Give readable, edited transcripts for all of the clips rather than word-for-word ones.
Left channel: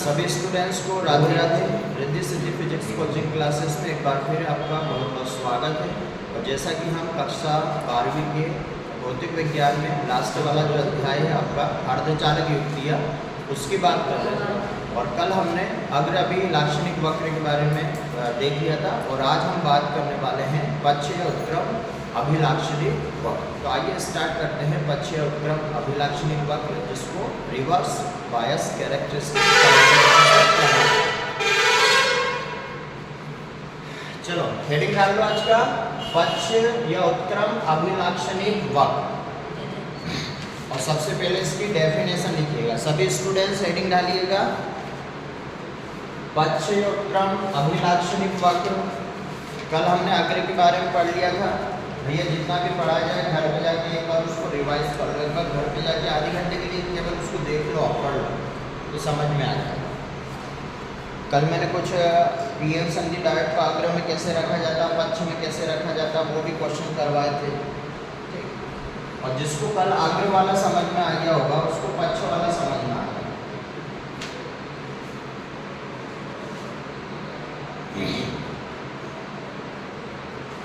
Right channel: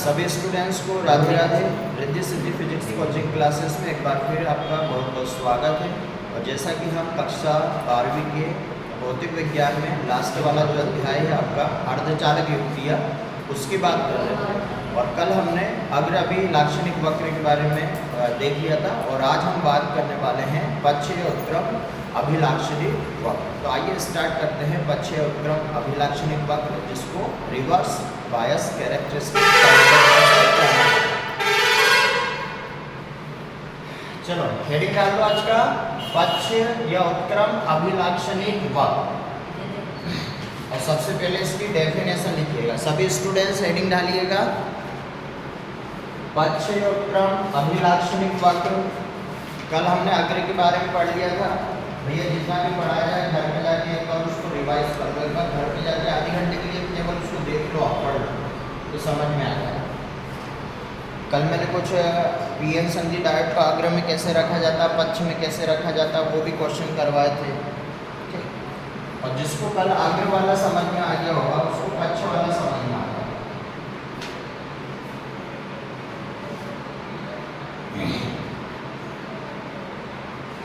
सभी स्टूडेंट्स को Radhe Radhe. Riddhi Siddhi physics coaching classes में एक बार फिर आपका बहुत बहुत स्वागत है। और जैसा कि हम कक्षा 12वीं के भौतिक विज्ञान में लास्ट वाला जो अध्याय है आपका अर्धचालक युक्तियाँ, उसकी बात कर रहे थे। और कल हमने अग्र लाक्षणिक वक्र के बारे में देख लिया था। और आज हम बात करने वाले हैं पक्षीय उत्क्रम अभिलाक्षणिक वक्र। तो आइए स्टार्ट करते हैं पक्षीय उत्क्रम अभिलाक्षणिक वक्र, जिसको रिवर्स बायस कैरेक्टरिस्टिक। चलो हेडिंग डाल लो आज का, पक्षीय या उत्क्रम अभिलाक्षणिक वक्र। और सबसे पहले इसकी डेफिनेशन लिखिएगा। सभी स्टूडेंट्स हेडिंग डालिएगा, पक्षीय उत्क्रम अभिलाक्षणिक वक्र। कल हमने अग्र के बारे में पढ़ लिया था। भैया जितना भी पढ़ाया जाए घर पे जाके एक बार उसको रिवाइज कर लो। एक बार घर पे जाके आधे घंटे के लिए केवल उसको देख लो, पढ़ लो तो समझ में आ जाए। कल मैंने कुछ पीएम संधि डायट का अग्र में कैसे रखा जाता, पक्ष में कैसे रखा जाता, वो भी क्वेश्चन करवाए थे। ठीक। और जिसको कल अग्र वाला समझ में आ गया होगा उसको पक्ष वाला समझ में आ गया।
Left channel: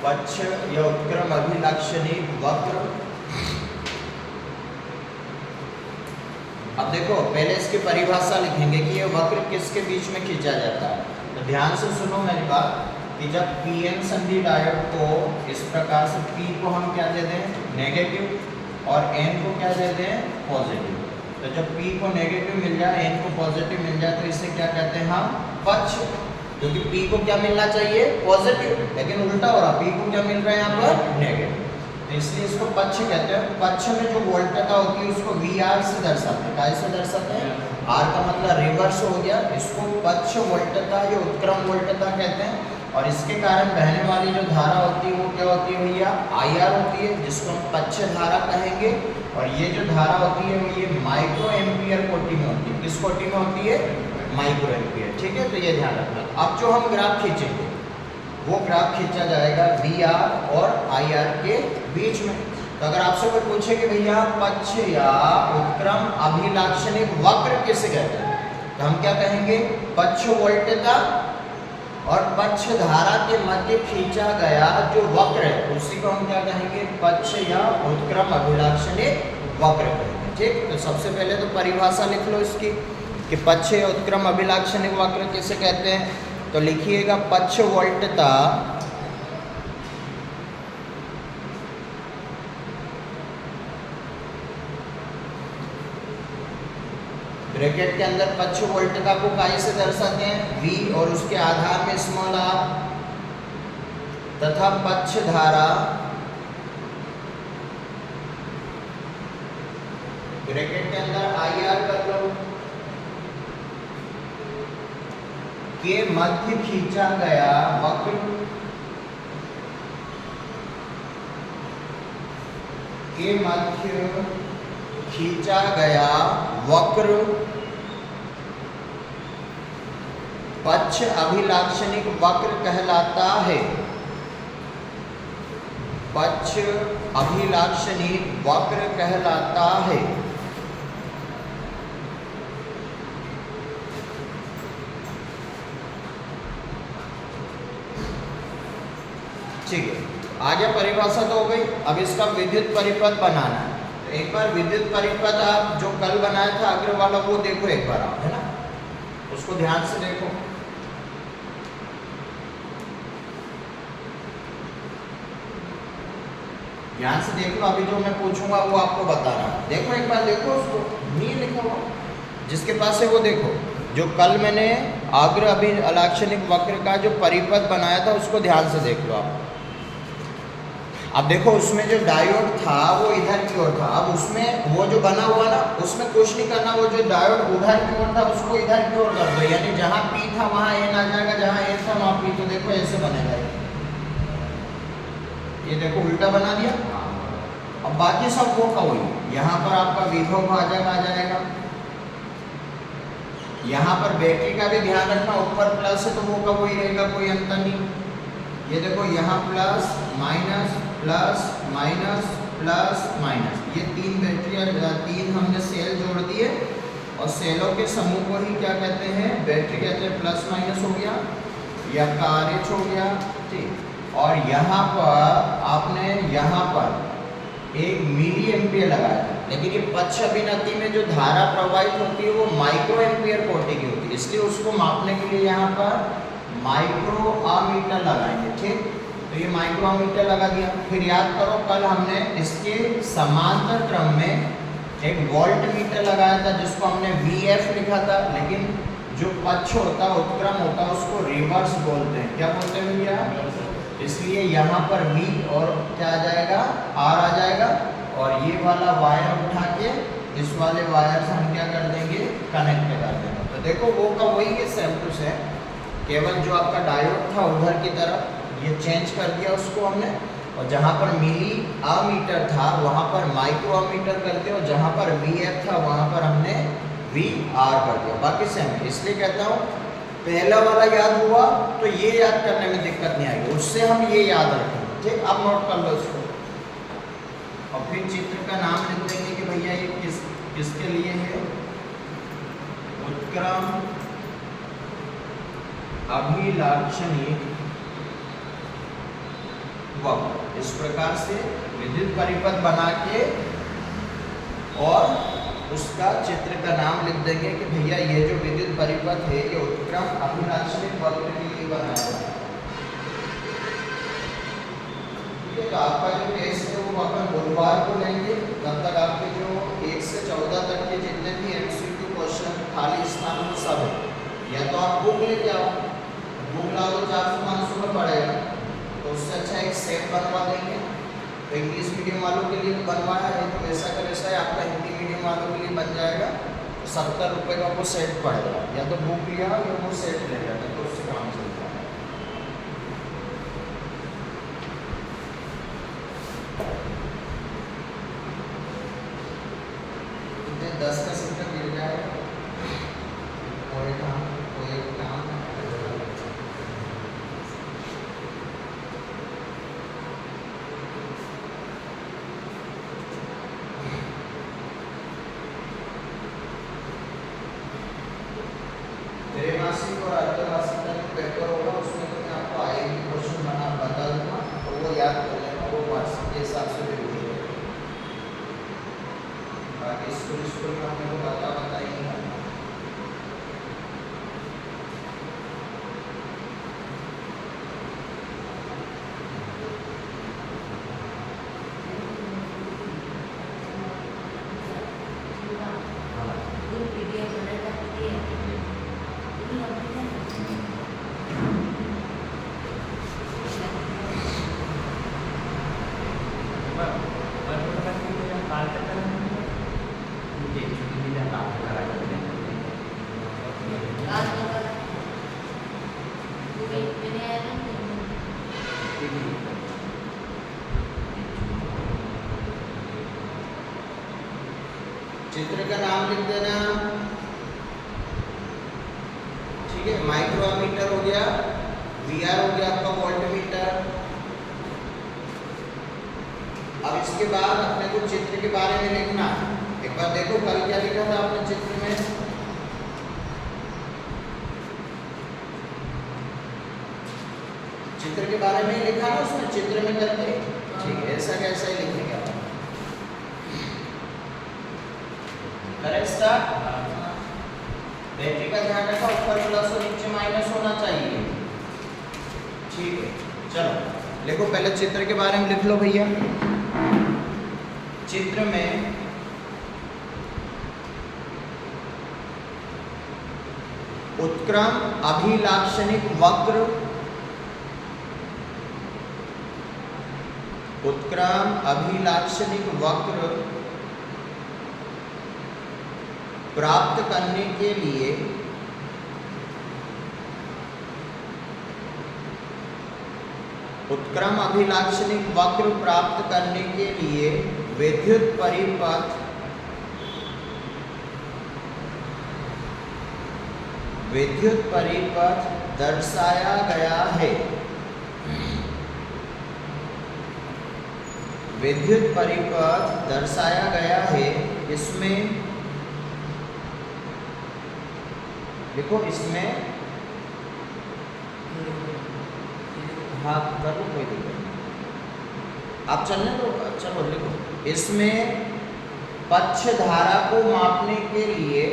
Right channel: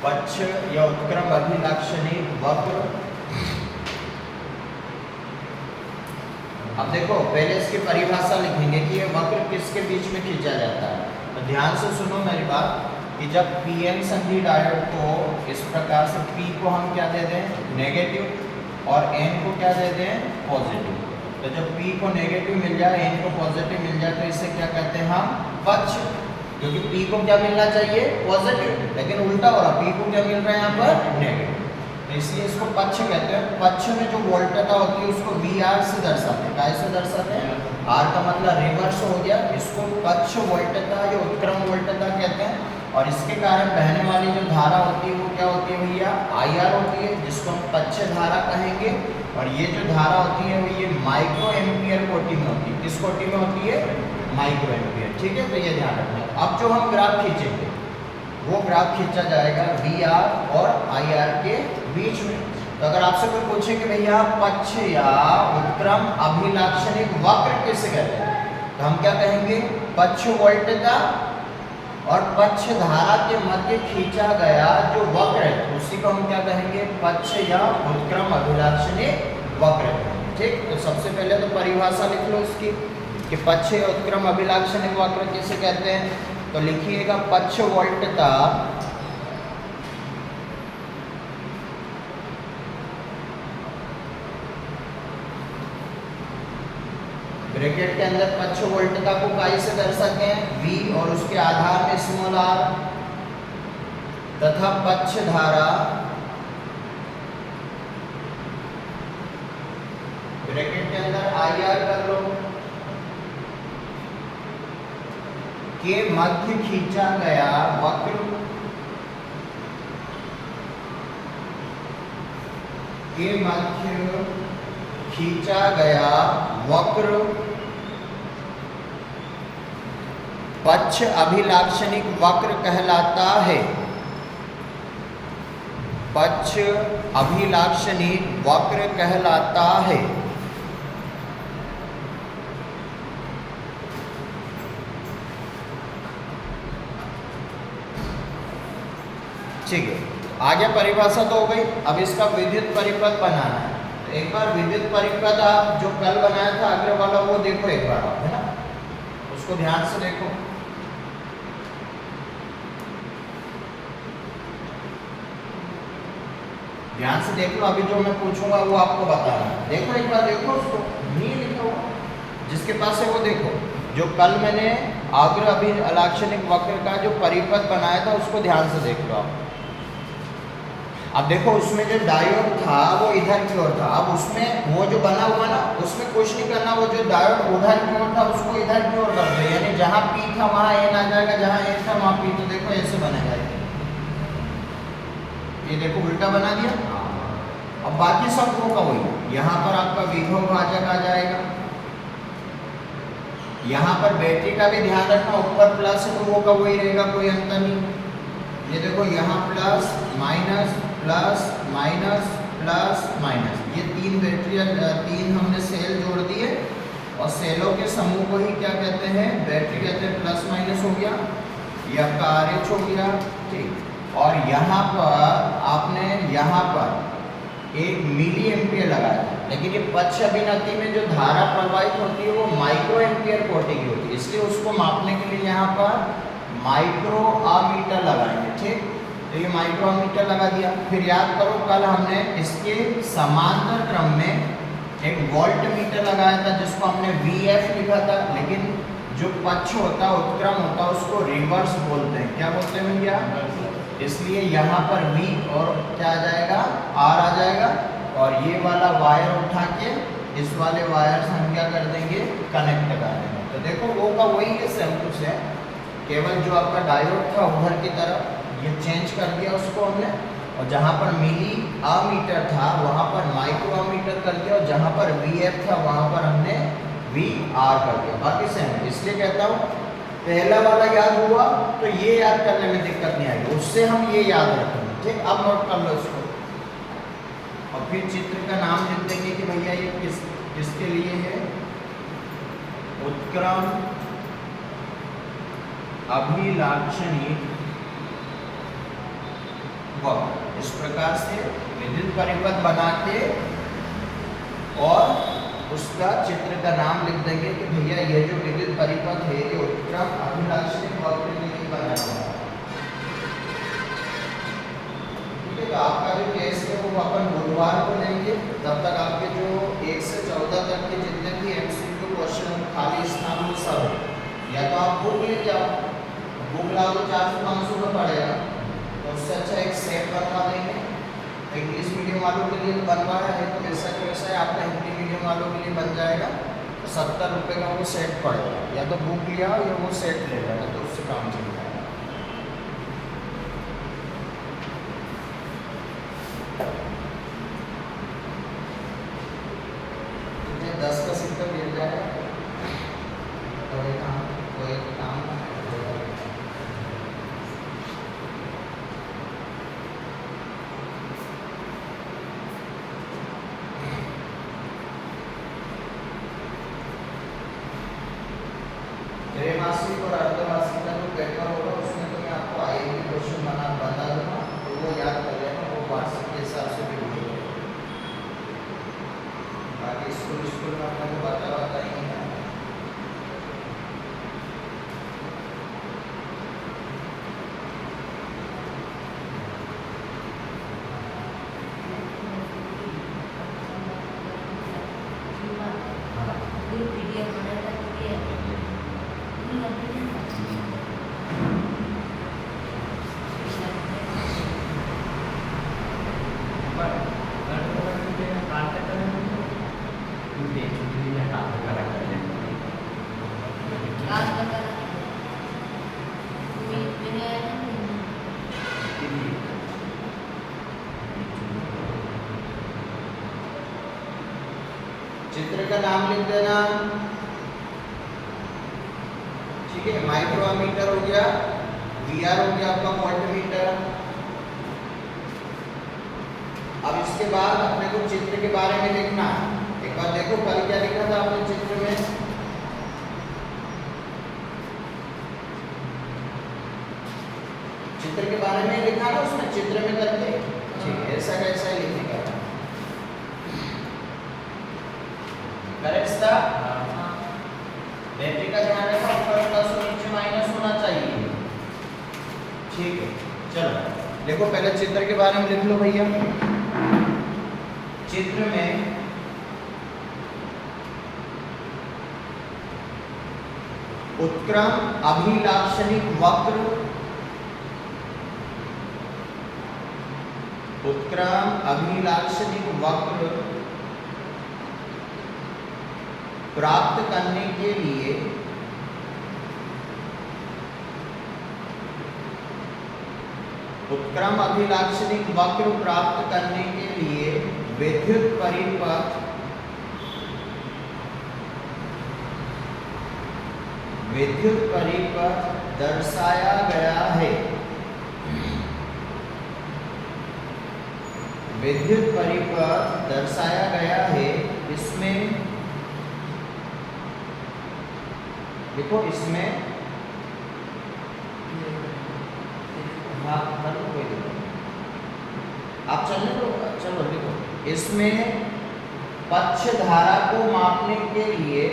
पक्ष या उत्क्रम अभिलाक्षणिक वक्र। अब देखो पहले इसकी परिभाषा लिखेंगे कि यह वक्र किसके बीच में खींचा जाता है। तो ध्यान से सुनो मेरी बात कि जब पीएन संधि डायोड को इस प्रकार से P को हम क्या दे दें, नेगेटिव, और N को क्या दे दें, पॉजिटिव। तो जब P को नेगेटिव मिल जाए, N को पॉजिटिव मिल जाए, तो इसे क्या कहते हैं हम, पक्ष। क्योंकि P को क्या मिलना चाहिए, पॉजिटिव, लेकिन उल्टा हो रहा, P को क्या मिल रहा है यहाँ पर, नेगेटिव। तो इसलिए इसको पक्ष कहते हैं। पक्ष में जो वोल्टता होती है उसको VR से दर्शाते हैं। कैसे दर्शाते हैं, R का मतलब रिवर्स हो गया। इसको पक्ष वोल्टता, जो उत्क्रम वोल्टता कहते हैं। और इसके कारण बहने वाली जो धारा होती है वो क्या होती है भैया, IR होती है, जिसको हम पक्ष धारा कहेंगे। और ये जो धारा होती है वो ये माइक्रो एम्पियर कोटि में होती है। किस कोटि में होती है, माइक्रो एम्पियर। ठीक है, तो ये ध्यान रखना। अब जो हम ग्राफ खींचेंगे वो ग्राफ खींचा जाएगा VR और IR के बीच में। तो अगर आपसे कोई पूछे कि भैया पक्ष या उत्क्रम अभिलाक्षणिक वक्र किसे कहते हैं, तो हम क्या कहेंगे, पक्ष वोल्टता और पक्ष धारा के मध्य खींचा गया जो वक्र है उसी को हम क्या कहेंगे, पक्ष या उत्क्रम अभिलाक्षणिक वक्र कहेंगे। ठीक। तो सबसे पहले तो परिभाषा लिख लो इसकी कि पक्ष या उत्क्रम अभिलाक्षणिक वक्र किसे कहते हैं। तो लिखिएगा, पक्ष वोल्टता ब्रैकेट के अंदर पक्ष वोल्टता को काय से दर्शाते हैं, V, और उसके आधार में स्मॉल r, तथा पक्ष धारा ब्रैकेट के अंदर IR कर लो, के मध्य खींचा गया वक्र, के मध्य खींचा गया वक्र पक्ष अभिलाक्षणिक वक्र कहलाता है। पक्ष अभिलाक्षणिक वक्र कहलाता है। ठीक है, आगे परिभाषा तो हो गई। अब इसका विद्युत परिपथ बनाना है। तो एक बार विद्युत परिपथ आप जो कल बनाया था अग्र वाला वो देखो एक बार आप, है ना, उसको ध्यान से देखो। ध्यान से देख लो, अभी जो मैं पूछूंगा वो आपको बताना है। देखो एक बार, देखो उसको, नहीं लिखो, जिसके पास है वो देखो। जो कल मैंने अग्र अभिलाक्षणिक वक्र का जो परिपथ बनाया था उसको ध्यान से देख लो आप। अब देखो उसमें जो डायोड था वो इधर की ओर था। अब उसमें वो जो बना हुआ ना, उसमें कुछ नहीं करना, वो जो डायोड उधर की ओर था उसको इधर की ओर कर दो। यानी जहाँ P था वहाँ N आ जाएगा, जहाँ N था वहाँ P। तो देखो ऐसे बनेगा, ये देखो उल्टा बना दिया। अब बाकी सब वो का वही, यहाँ पर आपका विभव भाजक आ जाएगा। यहाँ पर बैटरी का भी ध्यान रखना, ऊपर प्लस है तो वो का वही रहेगा, कोई अंतर नहीं। ये देखो यहाँ plus minus plus minus plus minus, ये तीन बैटरी, तीन हमने सेल जोड़ दिए। और सेलों के समूह को ही क्या कहते हैं, बैटरी कहते हैं। प्लस माइनस हो गया या कारएच हो गया, ठीक। और यहाँ पर आपने यहाँ पर 1 मिली एम्पियर लगाया, लेकिन ये पक्ष अभिनति में जो धारा प्रवाहित होती है वो माइक्रो एम्पियर कोटि की होती है, इसलिए उसको मापने के लिए यहाँ पर माइक्रो आमीटर लगाएंगे, ठीक। तो ये माइक्रो आमीटर लगा दिया। फिर याद करो कल हमने इसके समांतर क्रम में एक वोल्ट मीटर लगाया था जिसको हमने VF लिखा था, लेकिन जो पक्ष होता है उत्क्रम होता है उसको रिवर्स बोलते हैं। क्या बोलते हैं भैया? इसलिए यहाँ पर V और क्या आ जाएगा, R आ जाएगा, और ये वाला वायर उठा के इस वाले वायर से हम क्या कर देंगे, कनेक्ट कर देंगे। तो देखो वो का वही है, सेम टू सेम, केवल जो आपका डायोड था उधर की तरफ ये चेंज कर दिया उसको हमने, और जहाँ पर मिली आमीटर था वहाँ पर माइक्रो आमीटर कर दिया, और जहाँ पर VF था वहाँ पर हमने VR कर दिया। बाकी सेम है, इसलिए कहता हूँ पहला वाला याद हुआ तो ये याद करने में दिक्कत नहीं आएगी, उससे हम ये याद रखेंगे, ठीक। अब नोट कर लो इसको, और फिर चित्र का नाम लिख देंगे कि भैया ये किसके लिए है, उत्क्रम अभिलाक्षणिक वक्र। इस प्रकार से विद्युत परिपथ बना के और उसका चित्र का नाम लिख देंगे कि भैया ये जो विद्युत परिपथ है ये उत्क्रम अभिलाक्षणिक वक्र के लिए बना हुआ है। ठीक है, तो आपका जो केस है वो अपन बुधवार को लेंगे, तब तक आपके जो 1 से 14 तक के जितने भी MCQ क्वेश्चन खाली स्थान में सब है, या तो आप बुक लेके आओ, बुक लाओ तो 400-500 का पड़ेगा, तो उससे अच्छा एक सेट बनवा देंगे। तो इंग्लिश मीडियम वालों के लिए तो बनवाया है, तो वैसा कि वैसा है आपका हिंदी मीडियम वालों के लिए बन जाएगा। तो 70 रुपये का वो सेट पड़ेगा, या तो बुक लिया या वो सेट ले लिया, तो उससे काम चलता है। 10 का सिक्का मिल जाएगा, और एक काम त्रैमासिक और अर्धवार्षिक का जो पेपर होगा उसमें तो मैं आपको आएगी क्वेश्चन बता दूंगा, तो वो याद कर लेना, वो वार्षिक के हिसाब से भी हो जाएगा। बाकी स्कूल में हमने को बता ही नहीं है। चित्र का नाम लिख देना, ठीक है। माइक्रोमीटर हो गया, VR हो गया आपका वोल्टमीटर। अब इसके बाद अपने को चित्र के बारे में लिखना है। एक बार देखो कल क्या लिखा था आपने चित्र में, चित्र के बारे में लिखा है उसमें, चित्र में करके, ठीक है, ऐसा कैसा ही लिखने का बैटरी का ध्यान रखा, ऊपर प्लस और नीचे माइनस होना चाहिए, ठीक है। चलो देखो पहले चित्र के बारे में लिख लो भैया। चित्र में उत्क्रम अभिलाक्षणिक वक्र, उत्क्रम अभिलाक्षणिक वक्र प्राप्त करने के लिए उत्क्रम अभिलाक्षणिक वक्र प्राप्त करने के लिए विद्युत परिपथ दर्शाया गया है। विद्युत परिपथ दर्शाया गया है, इसमें देखो इसमें हाँ कर लो, कोई दिक्कत नहीं, आप चलने दो। चलो देखो, इसमें पक्ष धारा को मापने के लिए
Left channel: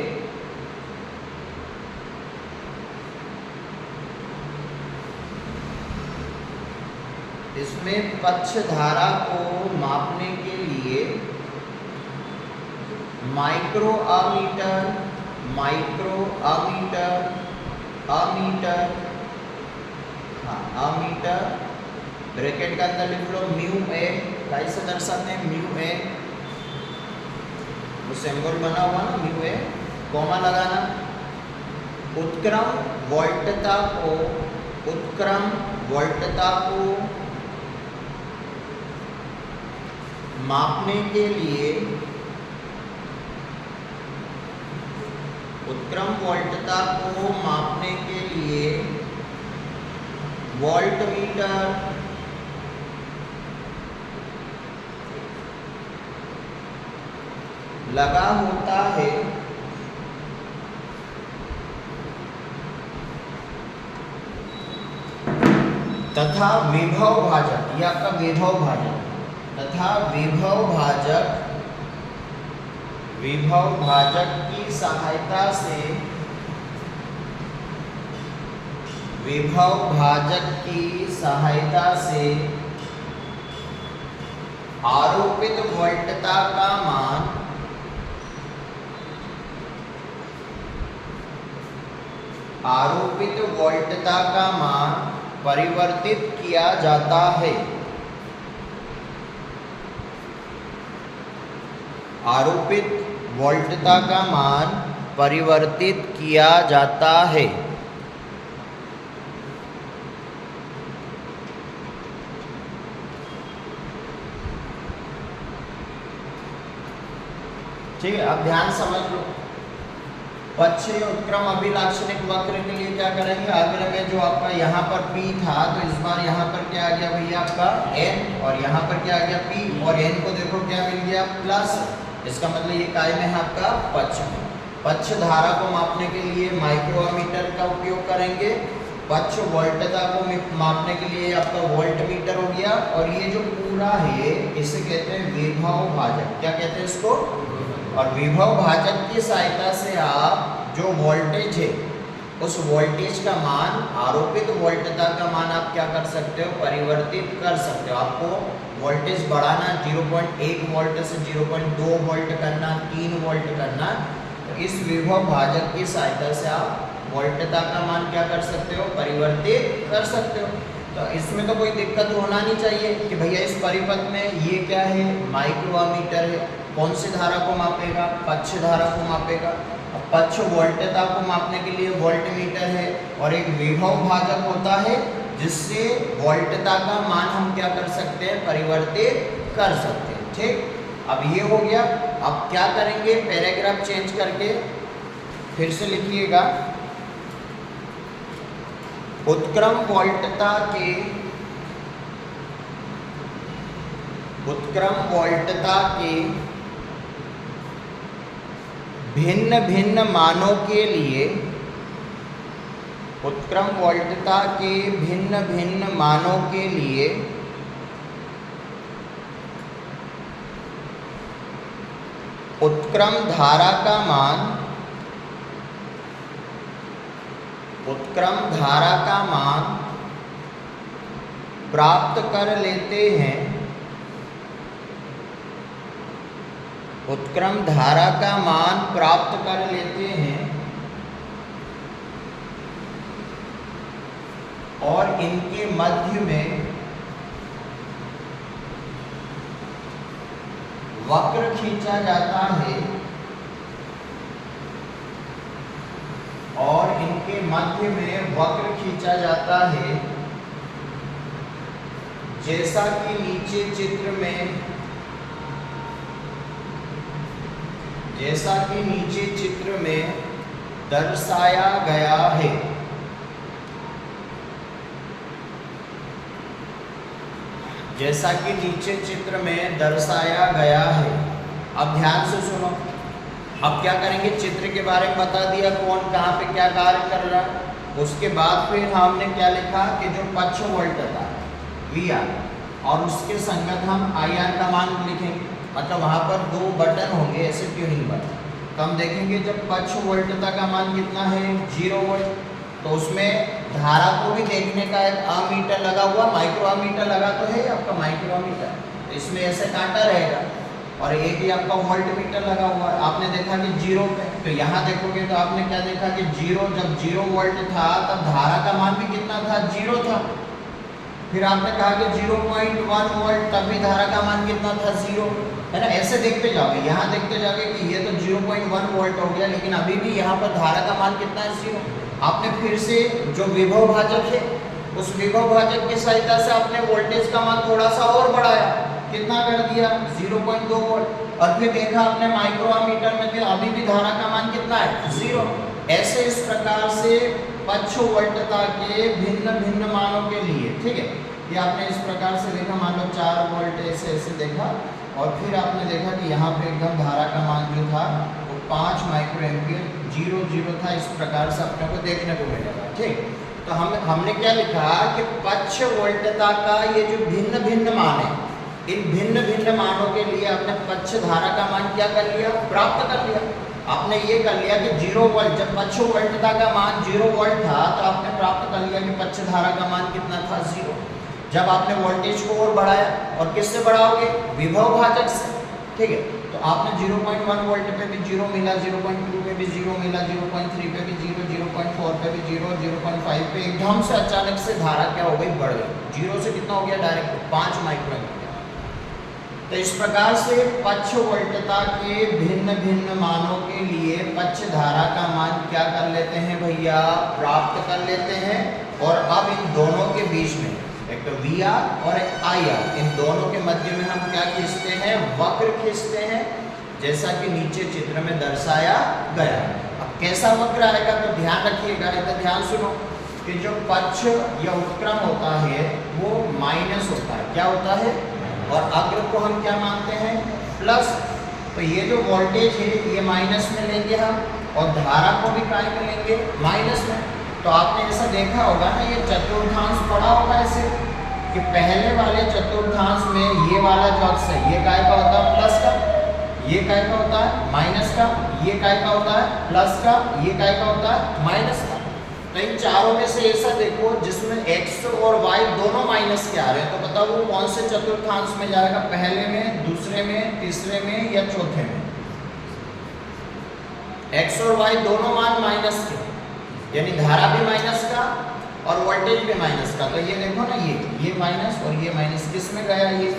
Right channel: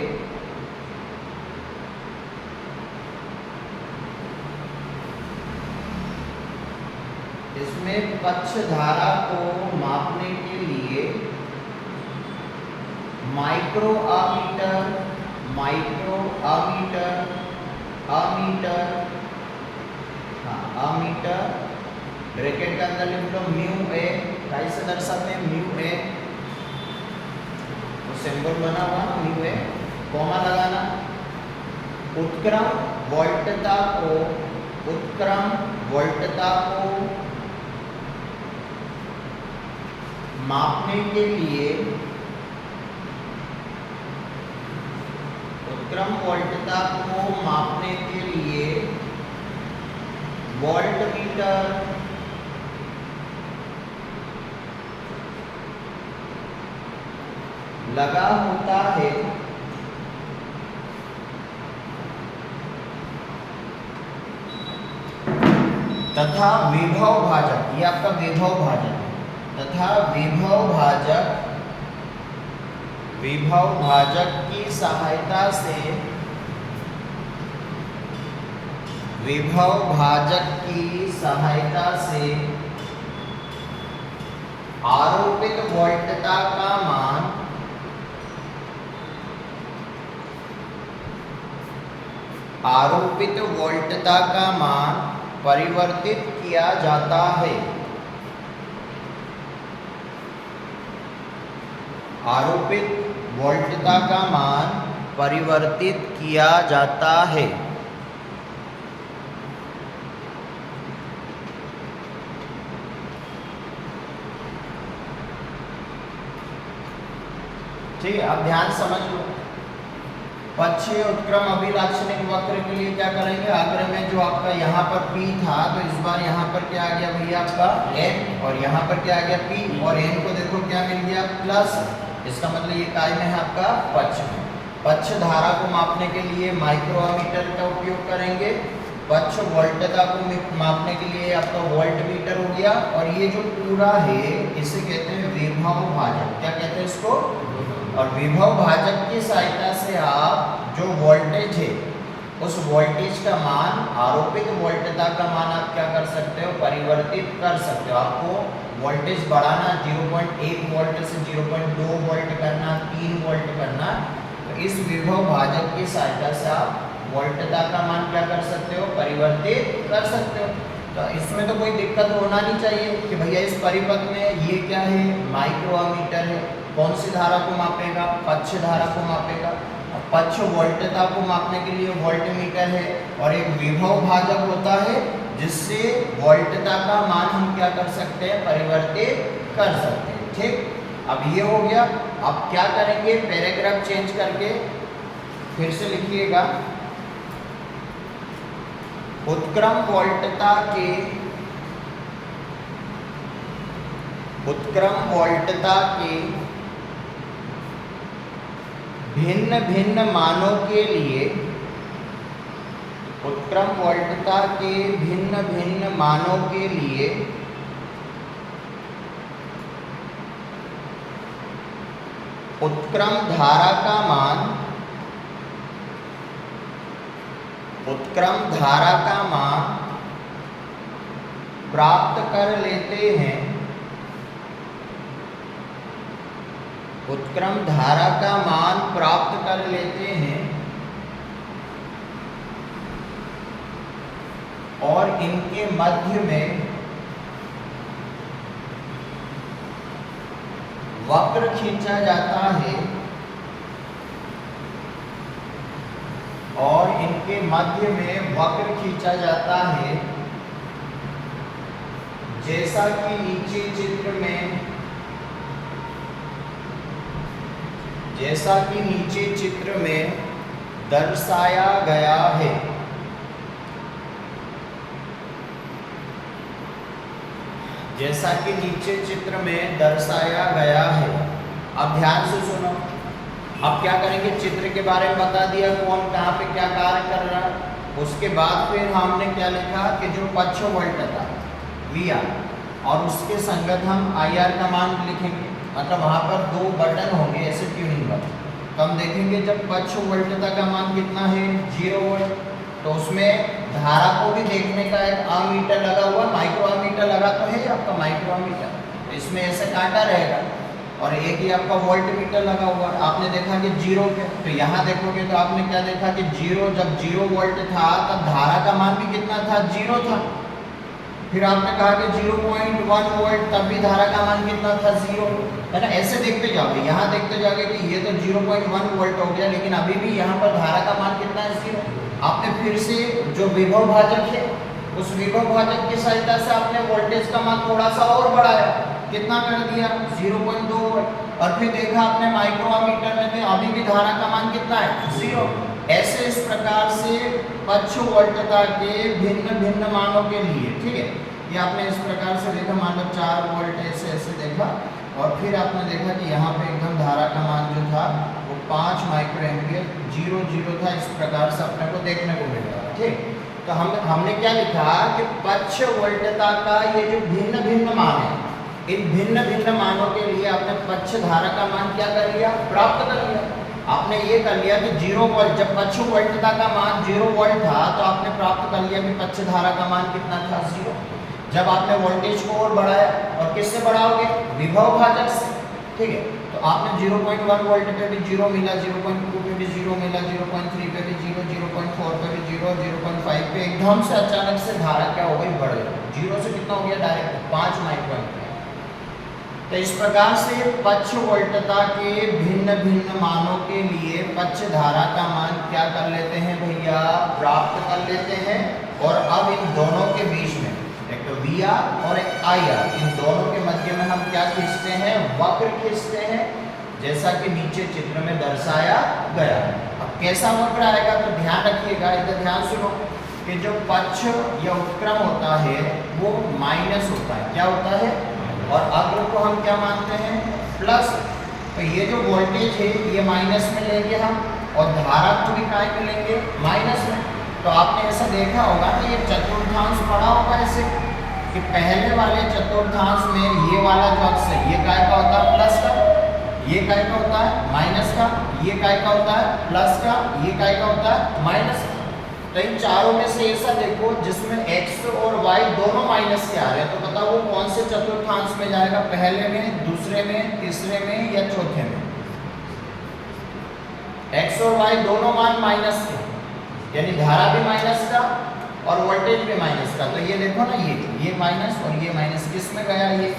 माइक्रो अमीटर, अमीटर ब्रैकेट के अंदर लिख लो म्यू ए, काई से दर्शाते हैं म्यू ए, वो सिंबल बना हुआ ना म्यू ए, कॉमा लगाना। उत्क्रम वोल्टता को मापने के लिए वोल्टमीटर लगा होता है, तथा विभव भाजक, ये आपका विभव भाजक, तथा विभव भाजक की सहायता से आरोपित वोल्टता का मान परिवर्तित किया जाता है। आरोपित वोल्टता का मान परिवर्तित किया जाता है। ठीक है, अब ध्यान समझ लो। पक्षीय उत्क्रम अभिलाक्षणिक वक्र के लिए क्या करेंगे, आगे में जो आपका यहाँ पर P था, तो इस बार यहाँ पर क्या आ गया भैया आपका N, और यहाँ पर क्या आ गया P, और N को देखो क्या मिल गया प्लस, इसका मतलब ये काय में है आपका पक्ष में। पक्ष धारा को मापने के लिए माइक्रोमीटर का उपयोग करेंगे, पक्ष वोल्टता को मापने के लिए आपका वोल्टमीटर हो गया, और ये जो पूरा है इसे कहते हैं विभव भाजक। क्या कहते हैं इसको, और विभव भाजक की सहायता से आप जो वोल्टेज है उस वोल्टेज का मान, आरोपित वोल्टता का मान आप क्या कर सकते हो, परिवर्तित कर सकते हो। आपको वोल्टेज बढ़ाना 0.1 वोल्ट से 0.2 वोल्ट करना, 3 वोल्ट करना, तो इस विभव भाजक की सहायता से आप वोल्टता का मान क्या कर सकते हो, परिवर्तित कर सकते हो। तो इसमें तो कोई दिक्कत होना नहीं चाहिए कि भैया इस परिपथ में ये क्या है, माइक्रोमीटर है, कौन सी धारा को मापेगा, पक्ष धारा को मापेगा। पक्ष वोल्टता को मापने के लिए वोल्टमीटर है, और एक विभव भाजक होता है जिससे वोल्टता का मान हम क्या कर सकते हैं, परिवर्तित कर सकते हैं। ठीक, अब ये हो गया। अब क्या करेंगे, पैराग्राफ चेंज करके फिर से लिखिएगा। उत्क्रम वोल्टता के भिन्न भिन्न मानों के लिए, उत्क्रम वोल्टता के भिन्न भिन्न मानों के लिए उत्क्रम धारा का मान प्राप्त कर लेते हैं। उत्क्रम धारा का मान प्राप्त कर लेते हैं, और इनके मध्य में वक्र खींचा जाता है, और इनके मध्य में वक्र खींचा जाता है, जैसा कि नीचे चित्र में दर्शाया गया है। जैसा कि नीचे चित्र में दर्शाया गया है। अब ध्यान से सुनो, अब क्या करेंगे, चित्र के बारे में बता दिया कौन कहाँ पे क्या कार्य कर रहा है। उसके बाद फिर हमने क्या लिखा कि जो पक्ष वोल्ट था VR और उसके संगत हम IR का मान लिखेंगे। मतलब वहाँ पर दो बटन होंगे ऐसे ट्यूनिंग बटन, तो हम देखेंगे जब पक्ष वोल्टता का मान कितना है 0 वोल्ट, तो उसमें धारा को भी देखने का एक अमीटर लगा हुआ, माइक्रो अमीटर लगा तो है आपका माइक्रो अमीटर, तो इसमें ऐसे कांटा रहेगा और एक ही आपका वोल्ट मीटर लगा हुआ है। आपने देखा कि 0 पे, तो यहाँ देखोगे तो आपने क्या देखा कि 0, जब 0 वोल्ट था तब धारा का मान भी कितना था 0 था। फिर आपने कहा कि 0.1 वोल्ट, तब भी धारा का मान कितना था 0, है ना। ऐसे देखते जाओगे, यहाँ देखते जाओगे कि ये तो 0.1 वोल्ट हो गया, लेकिन अभी भी यहाँ पर धारा का मान कितना है 0। आपने फिर से जो विभव भाजक है उस विभव भाजक की सहायता से आपने वोल्टेज का मान थोड़ा सा और बढ़ाया, कितना कर दिया 0.2 वोल्ट, और फिर देखा आपने माइक्रोमीटर में थे अभी भी धारा का मान कितना है 0। ऐसे इस प्रकार से पक्ष वोल्टता के भिन्न भिन्न मानों के लिए, ठीक है, ये आपने इस प्रकार से देखा, मान लो 4 वोल्ट ऐसे ऐसे देखा, और फिर आपने देखा कि यहाँ पे एकदम धारा का मान जो था वो 5 माइक्रो एम्पियर 0 था। इस प्रकार से अपने को देखने को मिलेगा, ठीक। तो हमने क्या लिखा कि पक्ष वोल्टता का ये जो भिन्न भिन्न मान है, इन भिन्न भिन्न मानों के लिए आपने पक्ष धारा का मान क्या कर लिया, प्राप्त कर लिया। आपने ये कर लिया कि 0 वोल्ट, जब पक्ष वोल्टता का मान 0 वोल्ट था तो आपने प्राप्त कर लिया कि पक्ष धारा का मान कितना था 0। जब आपने वोल्टेज को और बढ़ाया, और किससे बढ़ाओगे, विभव भाजक से, ठीक है, तो आपने 0.1 वोल्ट पे भी 0 मिला, 0.2 पे भी 0 मिला, 0.3 पे भी 0, 0.4 पे भी 0, 0.5 पे एकदम से अचानक से धारा क्या हो गई, बढ़ गई। 0 से कितना हो गया डायरेक्ट 5 माइक्रो एम्पियर। तो इस प्रकार से पक्ष वोल्टता के भिन्न भिन्न मानों के लिए पक्ष धारा का मान क्या कर लेते हैं भैया, प्राप्त कर लेते हैं। और अब इन दोनों के बीच में एक तो VR और एक IR, इन दोनों के मध्य में हम क्या खींचते हैं, वक्र खींचते हैं, जैसा कि नीचे चित्र में दर्शाया गया। अब कैसा वक्र आएगा तो ध्यान रखिएगा, इधर ध्यान सुनो कि जो पक्ष या उत्क्रम होता है वो माइनस होता है, क्या होता है, और अग्र को हम क्या मानते हैं, प्लस। तो ये जो वोल्टेज है ये माइनस में लेंगे हम, और धारा को भी काय में लेंगे, माइनस में। तो आपने ऐसा देखा होगा ना, ये चतुर्थांश पढ़ा होगा ऐसे कि पहले वाले चतुर्थांश में ये वाला जो अक्ष है ये काय का होता है, प्लस का, ये काय का होता है माइनस का, ये काय का होता है प्लस का, ये काय का होता है माइनस का। तो इन चारों में से ऐसा देखो जिसमें x और y दोनों माइनस के आ रहे हैं, तो बताओ वो कौन से चतुर्थांश में जाएगा, पहले में, दूसरे में, तीसरे में या चौथे में। x और y दोनों मान माइनस के, यानी धारा भी माइनस का और वोल्टेज भी माइनस का। तो ये देखो ना, ये माइनस और ये माइनस, किस में गया ये,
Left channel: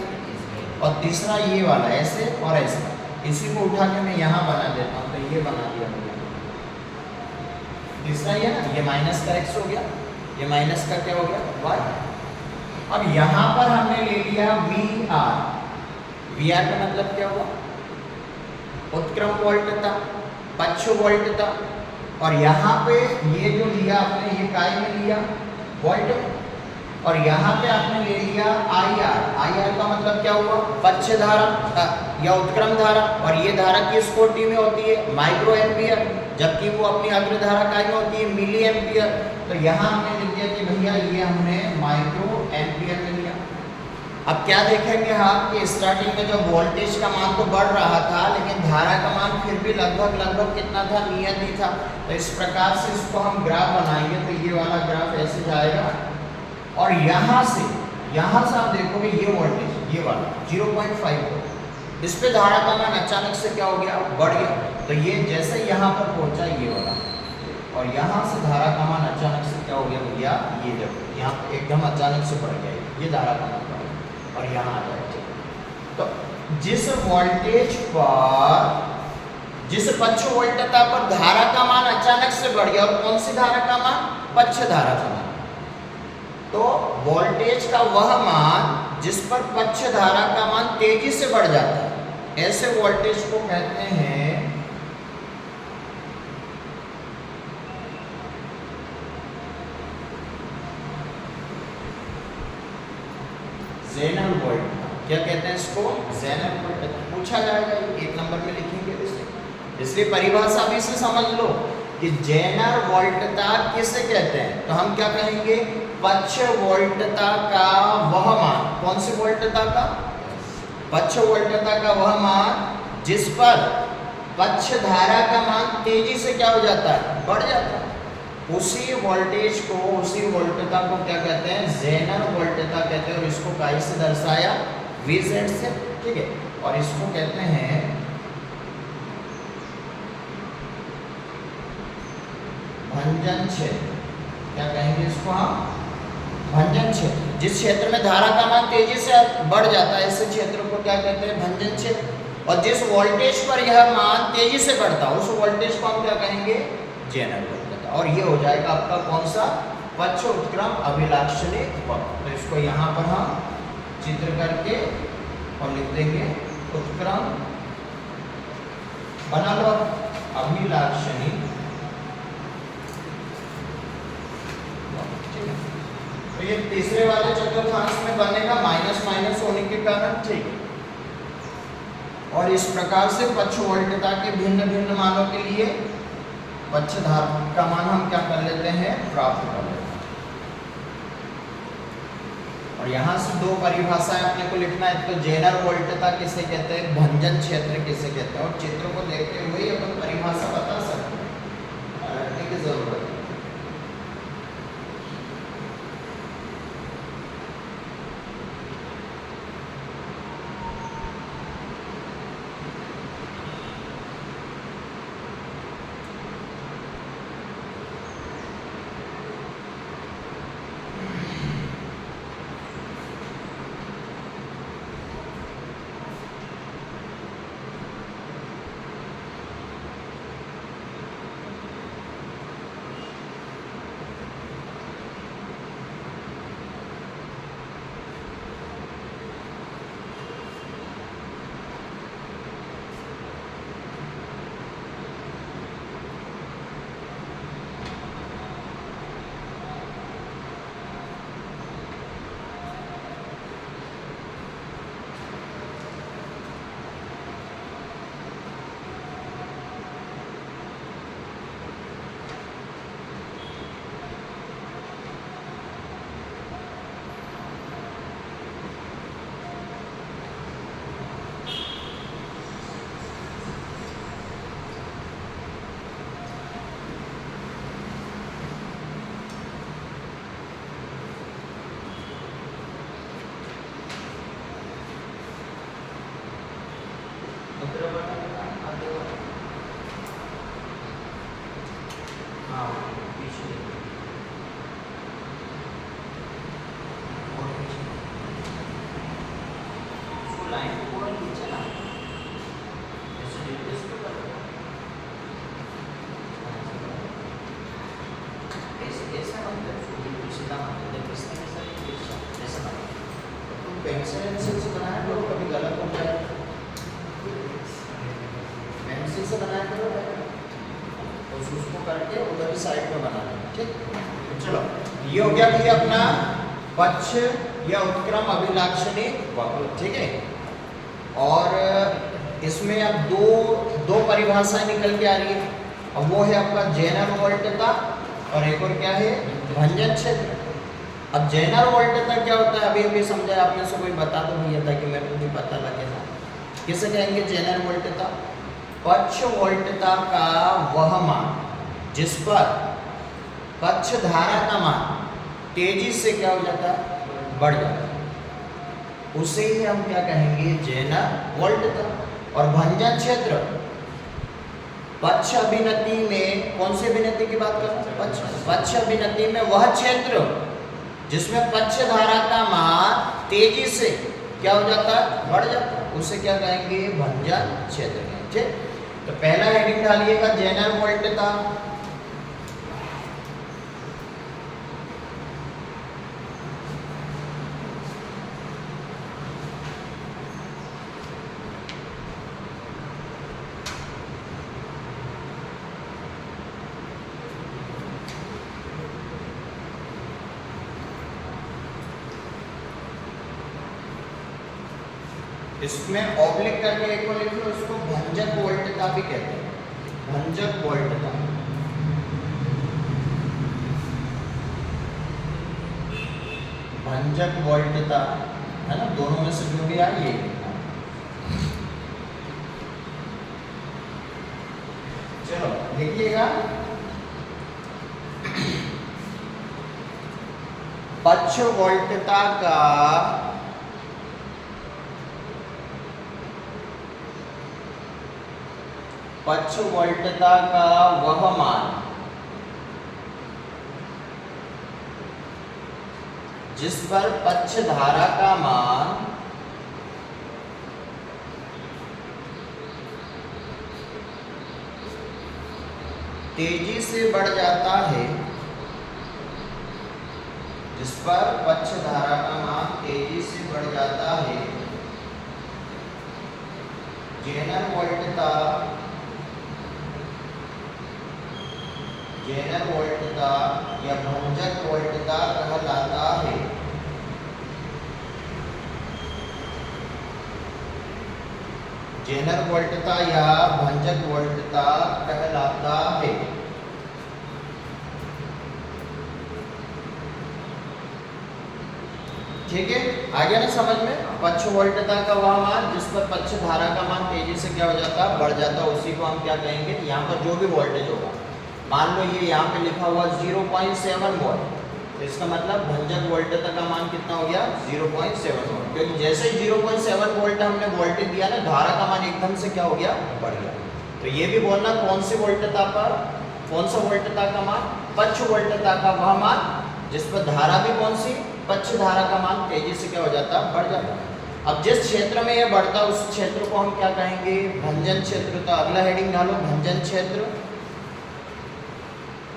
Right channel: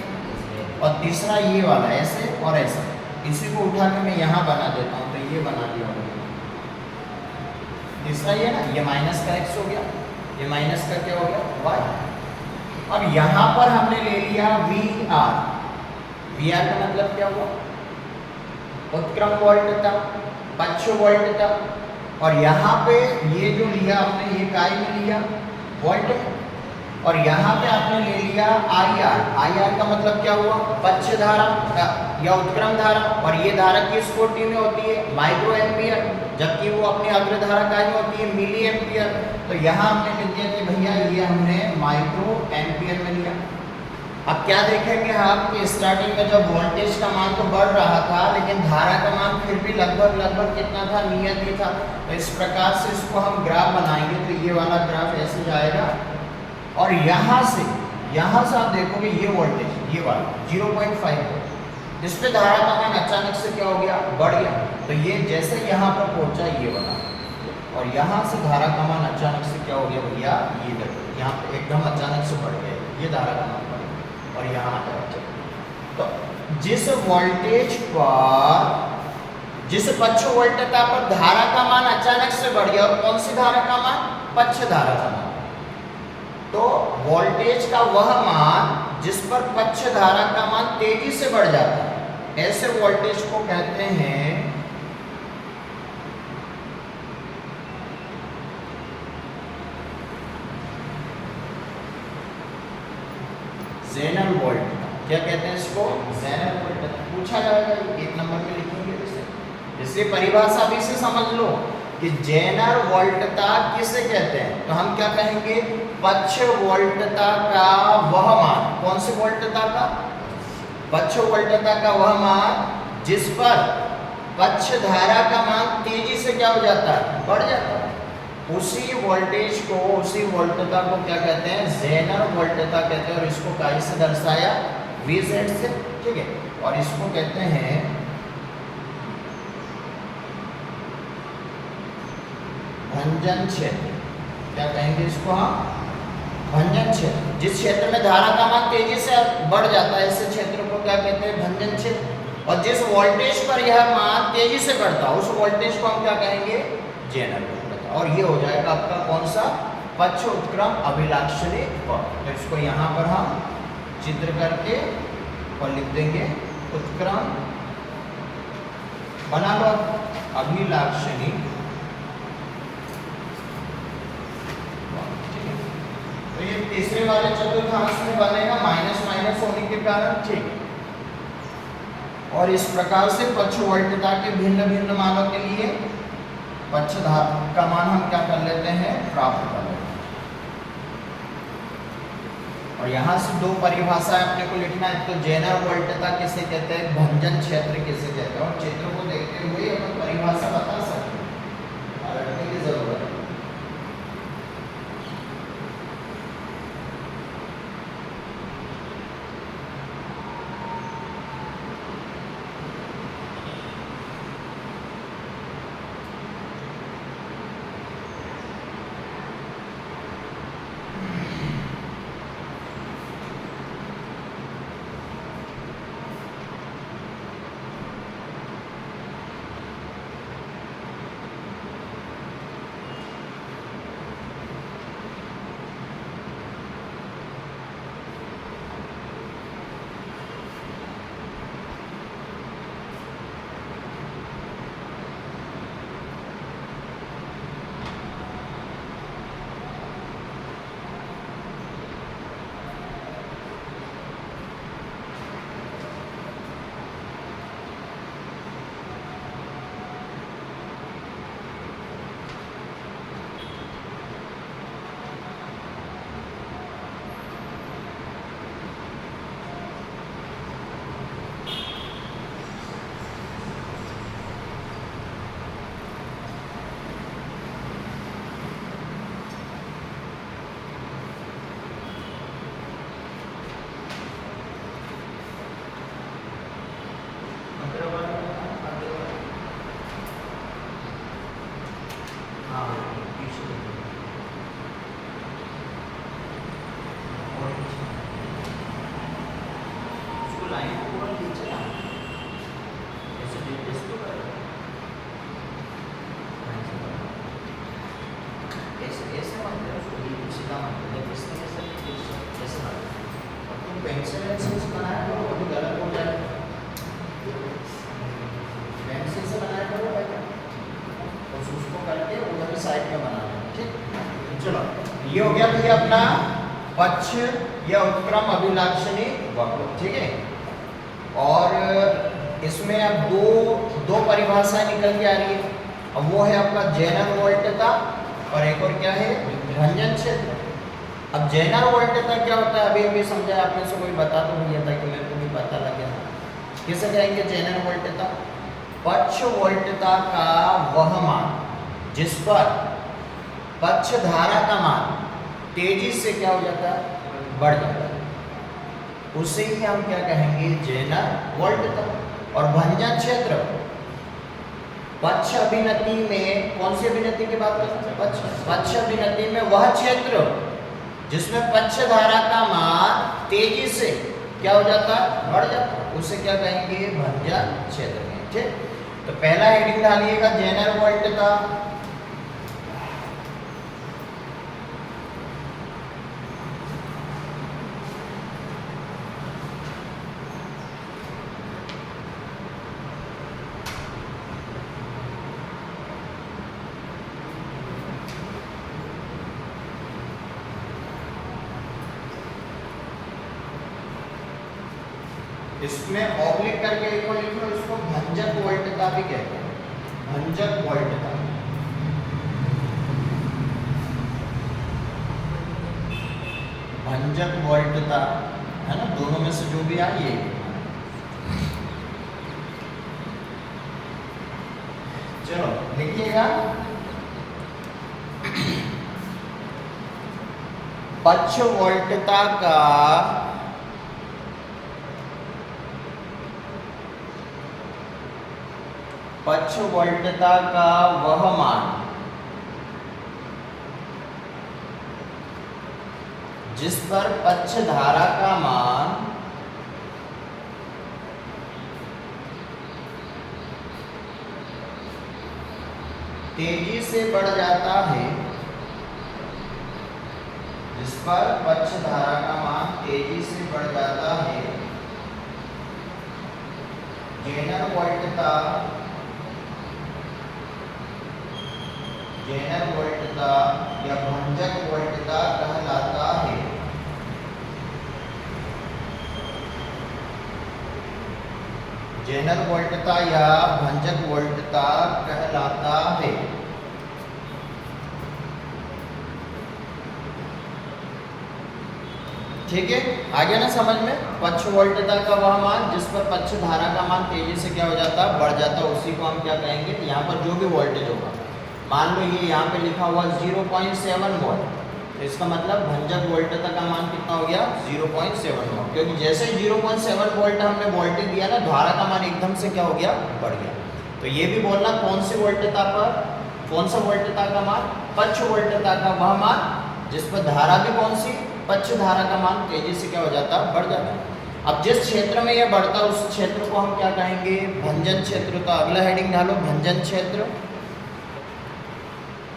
और तीसरा ये वाला ऐसे और ऐसे। इसी को उठा के मैं यहाँ बना देता हूँ, तो ये बना दिया मैंने, तीसरा ये ना, ये माइनस का x हो गया, ये माइनस का क्या हो गया y। और यहाँ पर हमने ले लिया VR। VR का मतलब क्या हुआ, उत्क्रम वोल्टता, पक्ष वोल्टता, और यहाँ पे ये जो लिया आपने ये काय में लिया, वोल्ट में, और यहाँ पे आपने ले लिया IR। IR का मतलब क्या हुआ, पक्ष धारा या उत्क्रम धारा, और ये धारा किस कोटि में होती है, माइक्रो एम्पियर, जबकि वो अपनी अग्र धारा काय में होती है, मिली एम्पियर। तो यहाँ हमने लिख दिया कि भैया ये हमने माइक्रो एम्पियर में लिया। अब क्या देखेंगे हम कि स्टार्टिंग में जब वोल्टेज का मान तो बढ़ रहा था, लेकिन धारा का मान फिर भी लगभग कितना था, नियत ही था। तो इस प्रकार से इसको हम ग्राफ बनाएंगे, तो ये वाला ग्राफ ऐसे जाएगा, और यहाँ से आप देखोगे ये वोल्टेज, ये वाला 0.5, इस पे धारा का मान अचानक से क्या हो गया, बढ़ गया। तो ये जैसे यहाँ पर पहुँचा ये वाला, और यहाँ से धारा का मान अचानक से क्या हो गया भैया, ये देखो यहाँ पे एकदम अचानक से बढ़ गया, ये धारा का मान बढ़ गया, और यहाँ आ जाएगा। तो जिस वोल्टेज पर, जिस पक्ष वोल्टता पर धारा का मान अचानक से बढ़ गया, और कौन सी धारा का मान, पक्ष धारा का मान, तो वोल्टेज का वह मान जिस पर पक्ष धारा का मान तेजी से बढ़ जाता है, ऐसे वोल्टेज को कहते हैं ज़ेनर वोल्ट। क्या कहते हैं इसको, ज़ेनर वोल्ट। पूछा जाएगा, 1 नंबर में लिखेंगे इसे, इसलिए परिभाषा भी से समझ लो कि जेनर वोल्टता किसे कहते हैं, तो हम क्या कहेंगे, पक्ष वोल्टता का वह मान, कौन सी वोल्टता का, पक्ष वोल्टता का वह मान जिस पर पक्ष धारा का मान तेजी से क्या हो जाता है, बढ़ जाता है, उसी वोल्टेज को, उसी वोल्टता को क्या कहते हैं, जेनर वोल्टता कहते हैं। और इसको काय से दर्शाया, Vz से, ठीक है। और इसको कहते हैं भंजन क्षेत्र, क्या कहेंगे इसको हम, भंजन क्षेत्र। जिस क्षेत्र में धारा का मान तेजी से बढ़ जाता है, ऐसे क्षेत्र को क्या कहते हैं, भंजन क्षेत्र। और जिस वोल्टेज पर यह मान तेजी से बढ़ता है, उस वोल्टेज को हम क्या कहेंगे, जेनर वोल्टता। और ये हो जाएगा आपका कौन सा, पक्ष उत्क्रम अभिलाक्षणी पक्ष। तो इसको यहाँ पर हम चित्र करके और लिख देंगे, उत्क्रम बना लो अभिलाक्षणी। तो ये तीसरे वाले चतुर्थांश में बनेगा माइनस माइनस होने के कारण, ठीक है। और इस प्रकार से पक्ष वोल्टता के भिन्न भिन्न मानों के लिए पक्ष धारा का मान हम क्या कर लेते हैं, प्राप्त कर लेते हैं। और यहाँ से दो परिभाषाएं अपने को लिखना है, तो जेनर वोल्टता किसे कहते हैं, भंजन क्षेत्र किसे कहते हैं। और चित्र को देखते हुए अपन परिभाषा बता सकते हैं, रखने की जरूरत है। ये हो गया भैया अपना पक्ष या उत्क्रम अभिलाक्षणी वक्र, ठीक है। और इसमें अब दो परिभाषाएं निकल के आ रही है। अब वो है आपका जेनर वोल्टता और एक और क्या है, भंजन क्षेत्र। अब जेनर वोल्टता क्या होता है, अभी अभी समझा, आप में से कोई बता तो नहीं था कि मेरे को भी पता लगे ना। किसे कहेंगे जेनर वोल्टता, पक्ष वोल्टता का वह मान जिस पर पक्ष धारा का मान तेजी से क्या हो जाता है, बढ़ जाता है, उसे ही हम क्या कहेंगे, जेनर वोल्टता। और भंजन क्षेत्र, पक्ष अभिनति में, कौन सी अभिनति की बात करते हैं, पक्ष अभिनति में वह क्षेत्र जिसमें पक्ष धारा का मान तेजी से क्या हो जाता है, बढ़ जाता है, उसे क्या कहेंगे, भंजन क्षेत्र। ठीक, तो पहला हेडिंग डालिएगा जेनर वोल्टता। इसमें ऑब्लिक करके एक और लिख लो, इसको भंजन वोल्टता भी कहते हैं। भंजक वोल्टता, भंजक वोल्टता है ना, दोनों में से जो भी आए ये लिखना है। चलो लिखिएगा, पक्ष वोल्टता का पक्ष वोल्टता का वह मान जिस पर पक्ष धारा का मान तेजी से बढ़ जाता है, जिस पर पक्ष धारा का मान तेजी से बढ़ जाता है, जेनर वोल्टता या भंजक वोल्टता कहलाता है। जेनर वोल्टता या भंजक वोल्टता कहलाता है। ठीक है, आ गया ना समझ में? पक्ष वोल्टता का वह मान जिस पर पक्ष धारा का मान तेजी से क्या हो जाता है, बढ़ जाता है, उसी को हम क्या कहेंगे, यहाँ पर जो भी वोल्टेज होगा, मान लो ये यहाँ पे लिखा हुआ 0.7 वोल्ट, तो इसका मतलब भंजक वोल्टता का मान कितना हो गया, 0.7 वोल्ट, क्योंकि जैसे ही 0.7 वोल्ट हमने वोल्टेज दिया ना, धारा का मान एकदम से क्या हो गया, बढ़ गया। तो ये भी बोलना कौन सी वोल्टता पर, कौन सा वोल्टता का मान, पक्ष वोल्टता का वह मान जिस पर धारा भी कौन सी, पक्ष धारा का मान तेजी से क्या हो जाता, बढ़ जाता। अब जिस क्षेत्र में ये बढ़ता है उस क्षेत्र को हम क्या कहेंगे, भंजन क्षेत्र। तो अगला हेडिंग डालो भंजन क्षेत्र,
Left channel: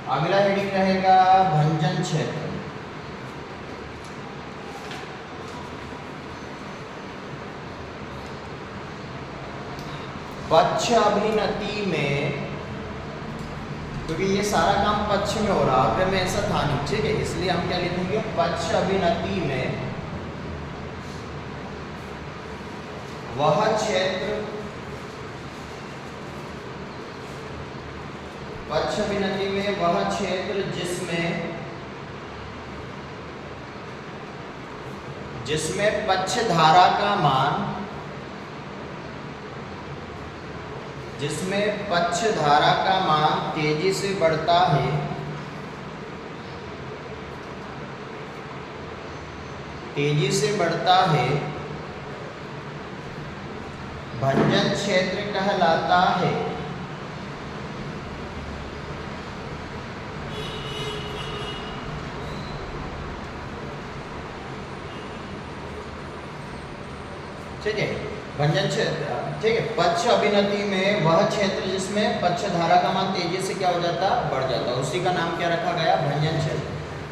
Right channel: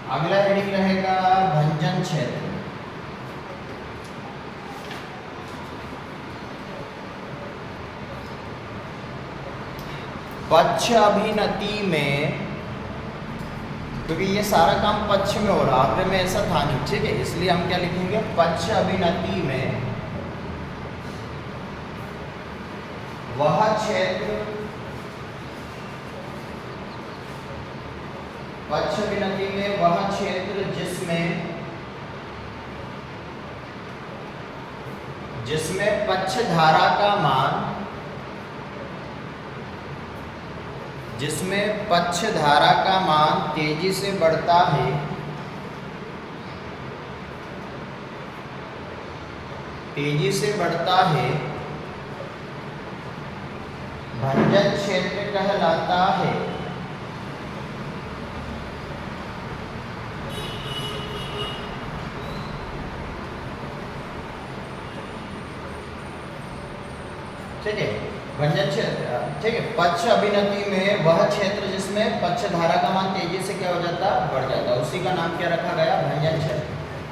अगला हेडिंग रहेगा भंजन क्षेत्र। पक्ष अभिनति में, क्योंकि ये सारा काम पक्ष में हो रहा है, में ऐसा था नहीं, ठीक है, इसलिए हम क्या लिखेंगे, पक्ष अभिनति में वह क्षेत्र, पक्ष अभिनति में वह क्षेत्र जिसमें पक्ष धारा का मान, जिसमें पक्ष धारा का मान तेजी से बढ़ता है, तेजी से बढ़ता है, भंजन क्षेत्र कहलाता है। ठीक है, भंजन क्षेत्र, ठीक है, पक्ष अभिनति में वह क्षेत्र जिसमें पक्ष धारा का मान तेजी से क्या हो जाता, बढ़ जाता, उसी का नाम क्या रखा गया, भंजन क्षेत्र।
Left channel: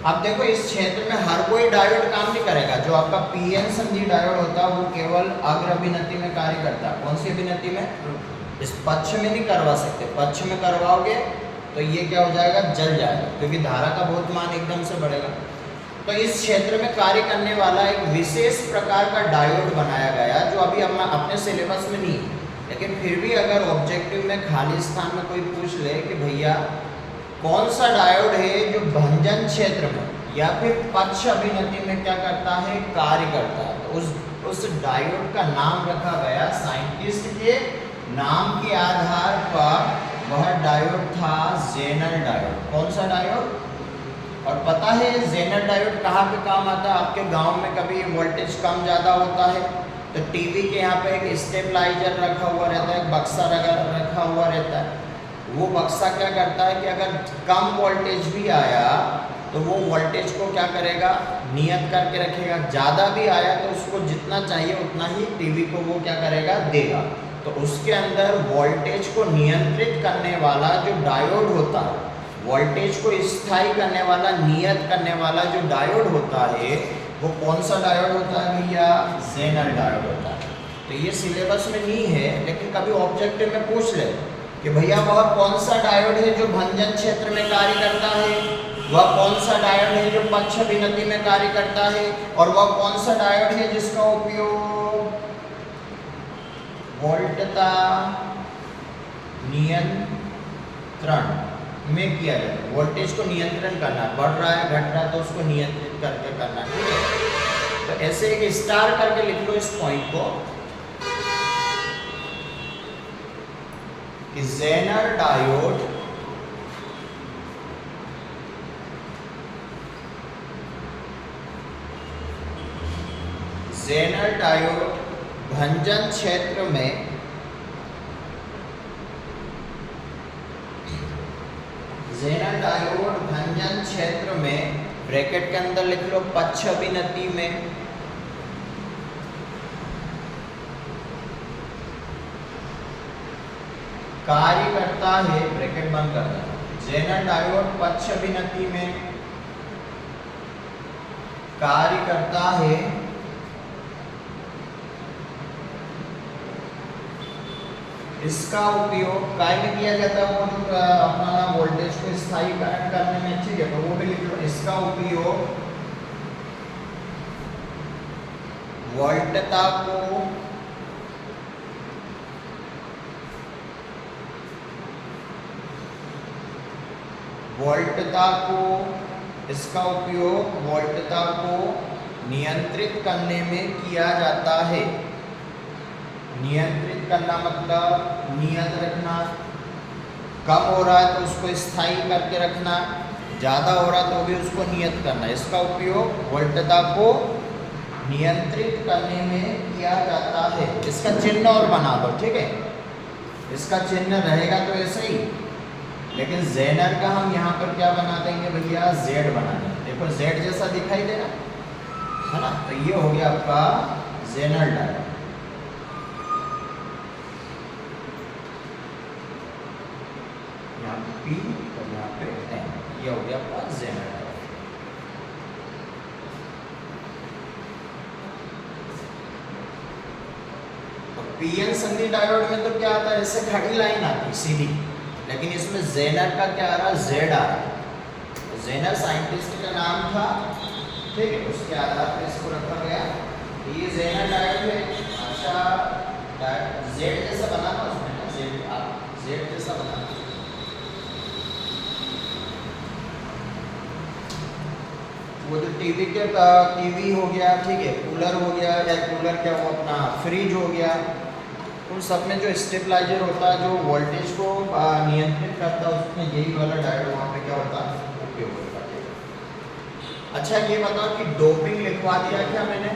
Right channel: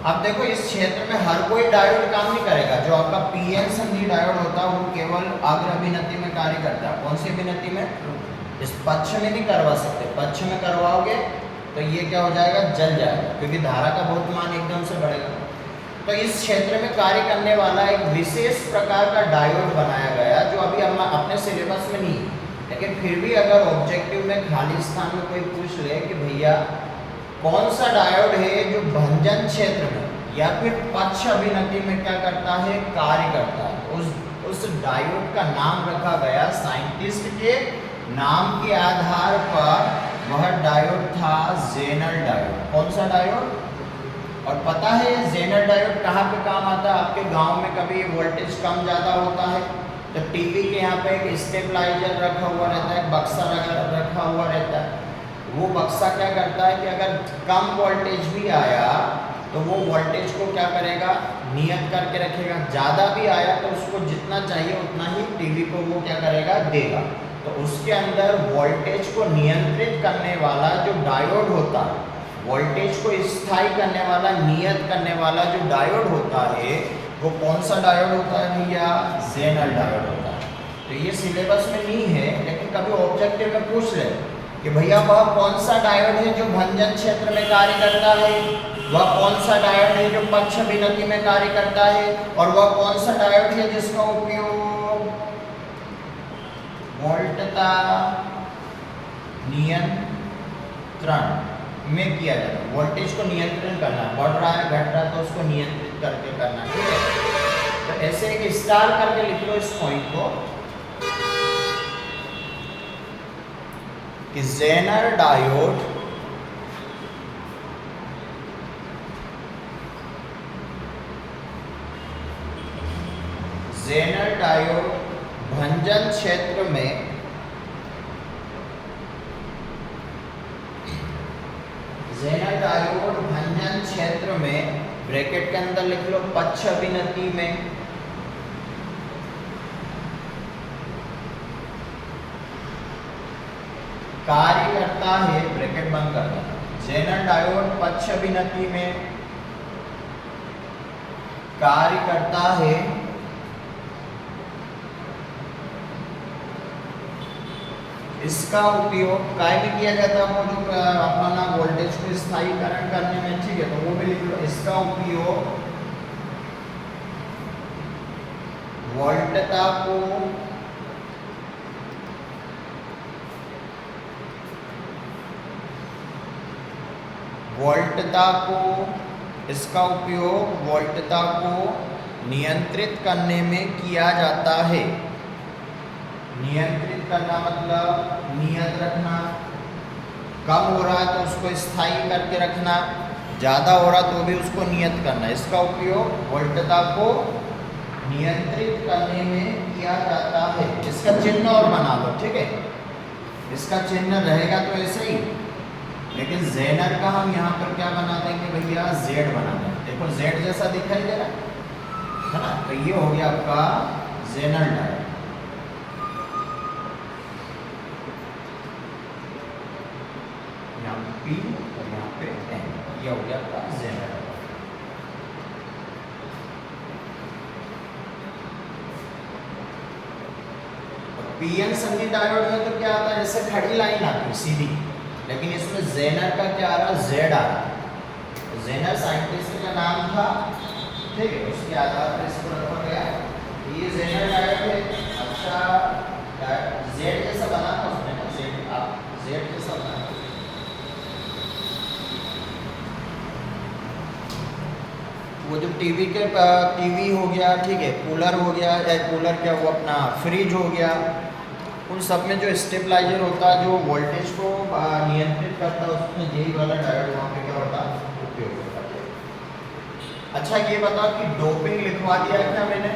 अब देखो इस क्षेत्र में हर कोई डायोड काम नहीं करेगा, जो आपका पीएन संधि डायोड होता है वो केवल अग्र अभिनति में कार्य करता है। कौन सी अभिनति में, इस पक्ष में नहीं करवा सकते, पक्ष में करवाओगे तो ये क्या हो जाएगा, जल जाएगा, क्योंकि धारा का बहुत मान एकदम से बढ़ेगा। तो इस क्षेत्र में कार्य करने वाला एक विशेष प्रकार का डायोड बनाया गया, जो अभी हम अपने सिलेबस में नहीं, लेकिन फिर भी अगर ऑब्जेक्टिव में खाली स्थान में कोई पूछ ले कि भैया कौन सा डायोड है जो भंजन क्षेत्र में या फिर पक्ष अभिनति में क्या करता है, कार्य करता है, तो उस डायोड का नाम रखा गया, साइंटिस्ट के नाम के आधार पर वह डायोड था जेनर डायोड। कौन सा डायोड, और पता है ये जेनर डायोड कहाँ पे काम आता है, आपके गांव में कभी वोल्टेज कम ज़्यादा होता है तो टीवी के यहाँ पे एक स्टेबलाइजर रखा हुआ रहता है, बक्सा रखा हुआ रहता है। वो बक्सा क्या करता है कि अगर कम वोल्टेज भी आया तो वो वोल्टेज को क्या करेगा, नियत करके रखेगा, ज़्यादा भी आया तो उसको जितना चाहिए उतना ही टीवी को वो क्या करेगा, देगा। तो उसके अंदर वोल्टेज को नियंत्रित करने वाला जो डायोड होता है, वोल्टेज को स्थायी करने वाला, नियत करने वाला जो डायोड होता है वो कौन सा डायोड होता है भैया, जेनर डायोड होता है। तो ये सिलेबस में नहीं है, लेकिन कभी ऑब्जेक्टिव में पूछ ले कि भैया वह कौन सा डायोड है जो भंजन क्षेत्र में कार्य करता है, वह कौन सा डायोड है जो पक्ष अभिनति में कार्य करता है, और वह कौन सा डायोड है जिसका उपयोग वोल्टता नियंत्रण में किया जाता है। वोल्टेज को नियंत्रण करना, बढ़ रहा है घट रहा है तो उसको नियंत्रित करके करना, ठीक है। तो ऐसे एक स्टार करके लिख लो इस पॉइंट को कि जेनर डायोड भंजन क्षेत्र में भंजन क्षेत्र में ब्रैकेट के अंदर लिख लो पक्ष अभिनति में कार्य करता है, ब्रैकेट बंद कर देना। जेनर डायोड पक्ष अभिनति में कार्य करता है इसका उपयोग काय में किया जाता है, वो जो अपना वोल्टेज को स्थायीकरण करने में, ठीक है। तो वो भी लिख लो, इसका उपयोग वोल्टता को नियंत्रित करने में किया जाता है। नियंत्रित करना मतलब नियत रखना, कम हो रहा है तो उसको स्थायी करके रखना, ज़्यादा हो रहा तो भी उसको नियत करना। इसका उपयोग वोल्टता को नियंत्रित करने में किया जाता है। इसका चिन्ह और बना लो, ठीक है। इसका चिन्ह रहेगा तो ऐसे ही, लेकिन जेनर का हम यहाँ पर क्या बना देंगे भैया, जेड बना देंगे। देखो जेड जैसा दिखाई दे रहा है ना, तो ये हो गया आपका जेनर डायोड। यहाँ P और यहाँ पे N, ये हो गया आपका जेनर। पीएन संधि डायोड में तो क्या आता है, जैसे खड़ी लाइन आती है सीधी, लेकिन इसमें जेनर का क्या आ रहा, जेड आ रहा है। जेनर साइंटिस्ट का नाम था, ठीक है, उसके आधार पर इसको रखा गया। ये जेनर डायोड है। अच्छा जेड जैसा बना था उसमें ना, जेड आप जेड जैसा बना, वो जो टीवी हो गया, ठीक है, कूलर हो गया, या कूलर क्या वो अपना फ्रिज हो गया, उन सब में जो स्टेबलाइजर होता है, जो वोल्टेज को नियंत्रित करता है, उसमें यही वाला डायोड वहाँ पे क्या होता है, उपयोग होता है। अच्छा ये बताओ कि डोपिंग लिखवा दिया क्या मैंने?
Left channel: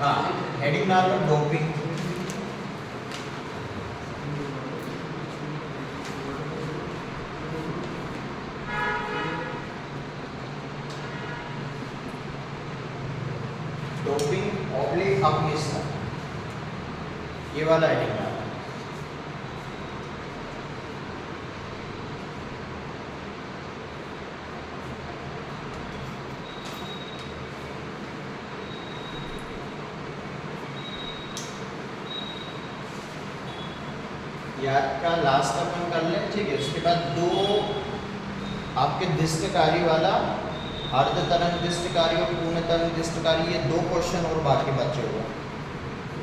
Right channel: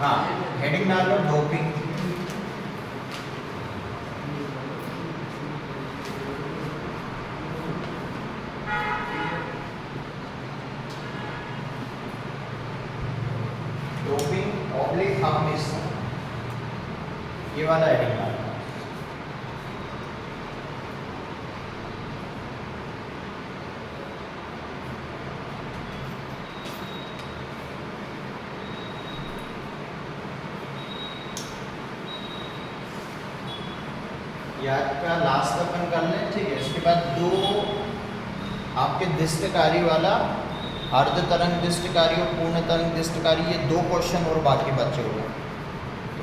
हाँ, हेडिंग डाल लो डोपिंग। डोपिंग ऑब्लिक हमेशा ये वाला हेडिंग डाल। याद का लास्ट अपन कर लें, ठीक है। उसके बाद दो आपके दिष्टकारी वाला, अर्ध तरंग दिष्टकारी और पूर्ण तरंग दिष्टकारी, ये दो क्वेश्चन और बाकी बचे हुए।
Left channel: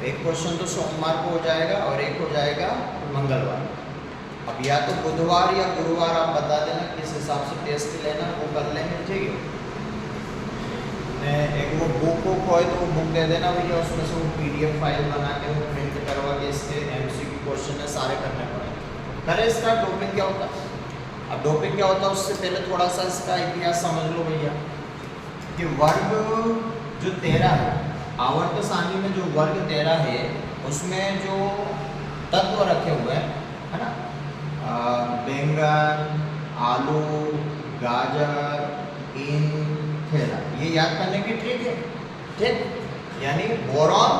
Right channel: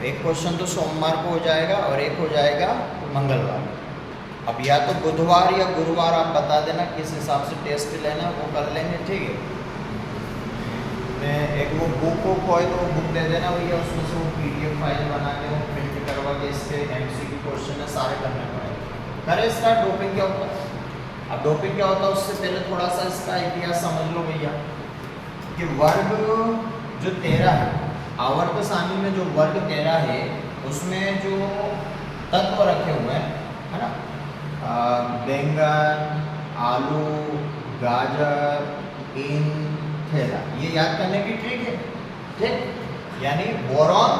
एक क्वेश्चन तो सोमवार को हो जाएगा और एक हो जाएगा मंगलवार। अब या तो बुधवार या गुरुवार आप बता देना किस हिसाब से टेस्ट लेना, वो कर लेंगे, ठीक है। मैं एक वो बुक खोए तो वो बुक दे देना भैया, उसमें से वो PDF फाइल बना के वो प्रिंट करवा के इसके MCQ क्वेश्चन है सारे करने पड़ेंगे। करें स्टार्ट। डोपिंग क्या होता है? अब डोपिंग क्या होता है उससे पहले थोड़ा सा इसका इतिहास समझ लो भैया, कि वर्ग जो 13 है, आवर्त सारणी में जो वर्ग 13 है, उसमें जो तत्व रखे हुए हैं, है ना, बैंगन, आलू, गाजर, इन, थेरा, ये याद करने की ट्रिक है, ठीक। यानी बोरॉन,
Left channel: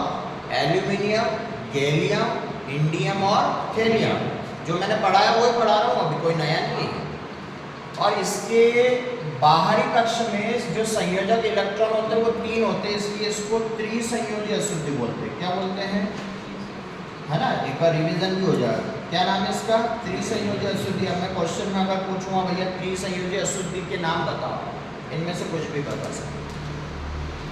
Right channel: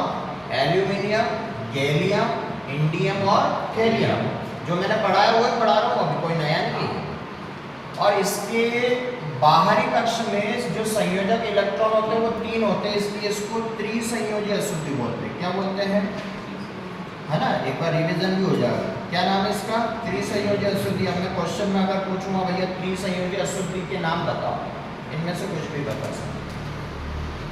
एल्यूमिनियम, गैलियम, इंडियम और थेलियम, जो मैंने पढ़ाया वो ही पढ़ा रहा हूँ, अभी कोई नया नहीं है। और इसके बाहरी कक्ष में जो संयोजक इलेक्ट्रॉन होते हैं वो 3 होते हैं, इसलिए इसको त्रिसंयोजी अशुद्धि बोलते हैं। क्या बोलते हैं, है ना, एक बार रिवीजन भी हो जाएगा। क्या नाम है इसका? त्रिसंयोजी अशुद्धि। अब मैं क्वेश्चन में अगर पूछूंगा भैया त्रिसंयोजी अशुद्धि के नाम बताओ, इनमें से कुछ भी बता सकते,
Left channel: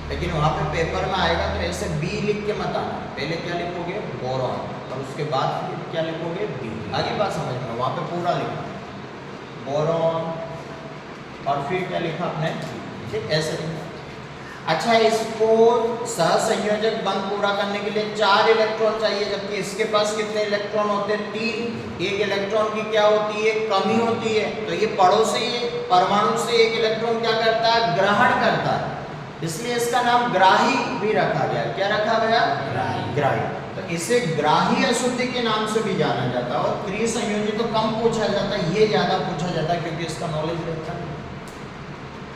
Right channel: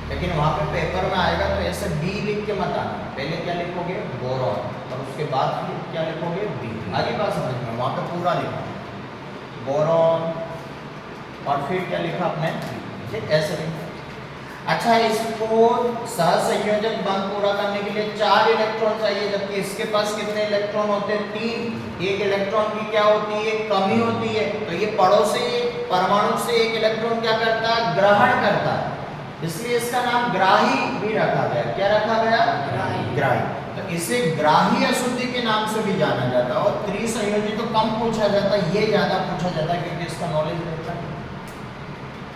लेकिन वहाँ पे पेपर में आएगा तो ऐसे बी लिख के मत आना, पहले क्या लिखोगे, बोरॉन। और उसके बाद फिर क्या लिखोगे बी। आगे बात समझ में, वहाँ पे पूरा लिखा बोरॉन और फिर क्या लिखा आपने, ठीक ऐसे लिखा। अच्छा, इसको सहसंयोजक बंध पूरा करने के लिए 4 इलेक्ट्रॉन चाहिए, जबकि इसके पास कितने इलेक्ट्रॉन होते हैं 3। एक इलेक्ट्रॉन की क्या होती है, कमी होती है। तो ये पड़ोसी परमाणु से एक इलेक्ट्रॉन क्या करता है, ग्रहण करता है, इसलिए इसका नाम ग्राही भी रखा गया। क्या रखा गया, ग्राही। तो इसे ग्राही अशुद्धि के नाम से भी जाना जाता है। और त्रिसंयोजी तो कम पूछा जाता है, ये ज्यादा पूछा जाता है क्योंकि इसका नॉलेज रहता है।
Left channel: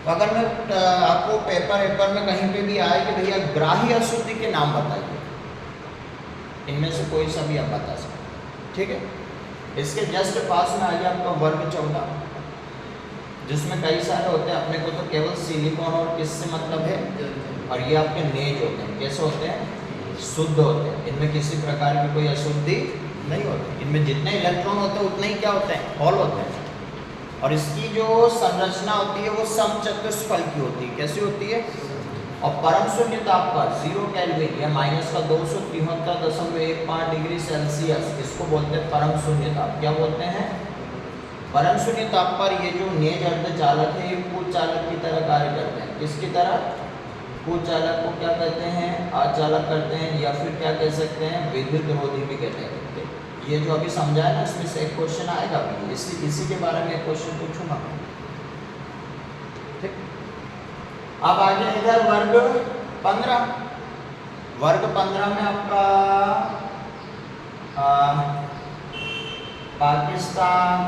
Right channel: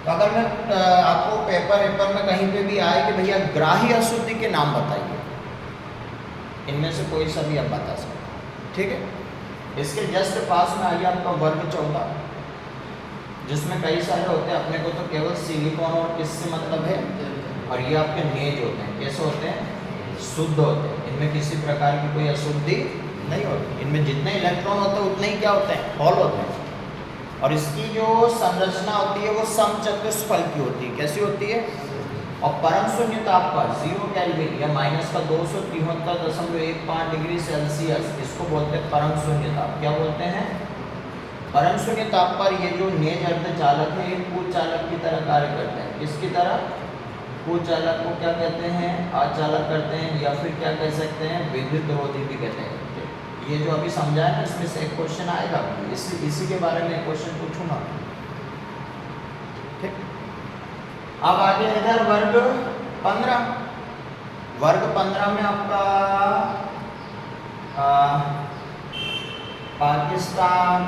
तो अगर मैं आपको पेपर में कहीं पे भी आए कि भैया ग्राही अशुद्धि के नाम बताइए, इनमें से कोई सा भी आप बता सकते, ठीक है। इसके जस्ट पास में आइए आपका वर्ग 14, जिसमें कई सारे होते हैं। अपने को तो केवल सिलिकॉन और किससे मतलब है, और ये आपके नेज होते हैं। कैसे होते हैं, शुद्ध होते हैं। इनमें किसी प्रकार की कोई अशुद्धि नहीं होती। इनमें जितने इलेक्ट्रॉन होते हैं उतने ही क्या होते हैं, होल होते हैं। और इसकी जो संरचना होती है वो समचतुष्फल की होती है। कैसी होती है, और परम शून्य ताप पर 0 केल्विन या -273.15 डिग्री सेल्सियस, इसको बोलते हैं परम शून्य ताप। क्या बोलते हैं, परम शून्य ताप पर ये जो नेज अर्धचालक है, ये कुचालक की तरह कार्य करते हैं। किसकी तरह, कुचालक को क्या कहते हैं, अचालक करते हैं, या फिर क्या कह सकते हैं, विद्युत रोधी भी कहते हैं। ये जो अभी समझाया ना, इसमें से एक क्वेश्चन आएगा भी, इसी के बारे में एक क्वेश्चन पूछूंगा। ठीक, अब आगे इधर वर्ग 15। वर्ग 15 में आपका पाकिस्तान,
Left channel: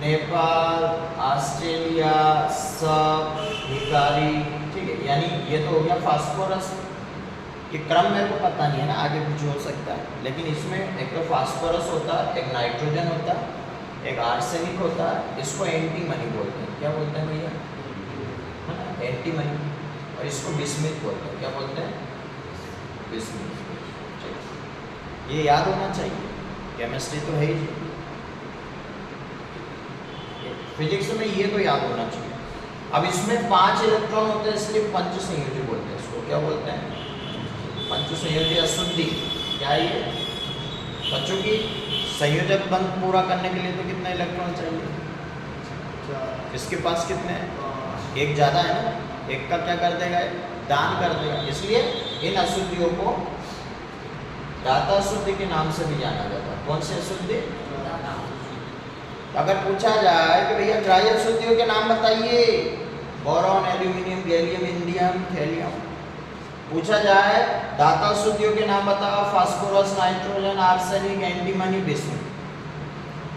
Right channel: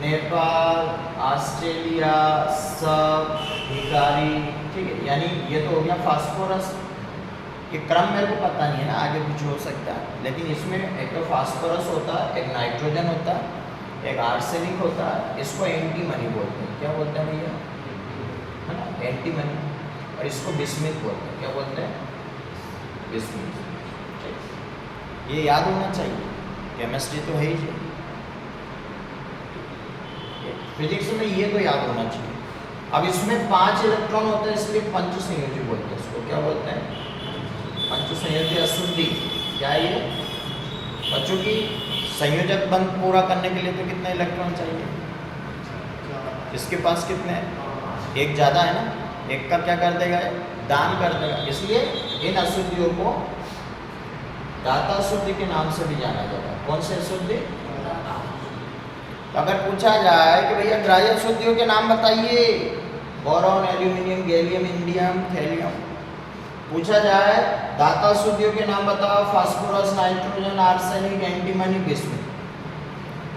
नेपाल, ऑस्ट्रेलिया, सब भिखारी, ठीक है। यानी ये तो हो गया फास्फोरस। ये क्रम मेरे को पता नहीं है ना, आगे कुछ हो सकता है, लेकिन इसमें एक तो फास्फोरस होता है, एक नाइट्रोजन होता है, एक आर्सेनिक होता है। इसको एंटीमनी बोलते हैं। क्या बोलते हैं भैया, है ना, एंटीमनी। और इसको बिस्मिथ बोलते हैं। क्या बोलते हैं, बिस्मिथ। ये याद होना चाहिए, केमिस्ट्री तो है ही, फिजिक्स में ये तो याद होना चाहिए। अब इसमें 5 इलेक्ट्रॉन होते हैं, इसलिए पंच संयोजी बोलते हैं। इसको क्या बोलते हैं, पंच संयोजी अशुद्धि। क्या है ये बच्चों की, संयोजक बंध पूरा करने के लिए तो कितने इलेक्ट्रॉन चाहिए, इसके पास कितने हैं, एक ज़्यादा है ना, एक का क्या कर देगा, दान कर देगा। इसलिए इन अशुद्धियों को दाता अशुद्धि के नाम से भी जाना जाता है। कौन से अशुद्धि, अगर पूछा जाए कि भैया ग्राह्य अशुद्धियों के नाम बताइए, boron, aluminium, gallium, indium, thallium. पूछा जाए दाता अशुद्धियों के नाम बताओ, phosphorus, nitrogen, arsenic, antimony, bismuth.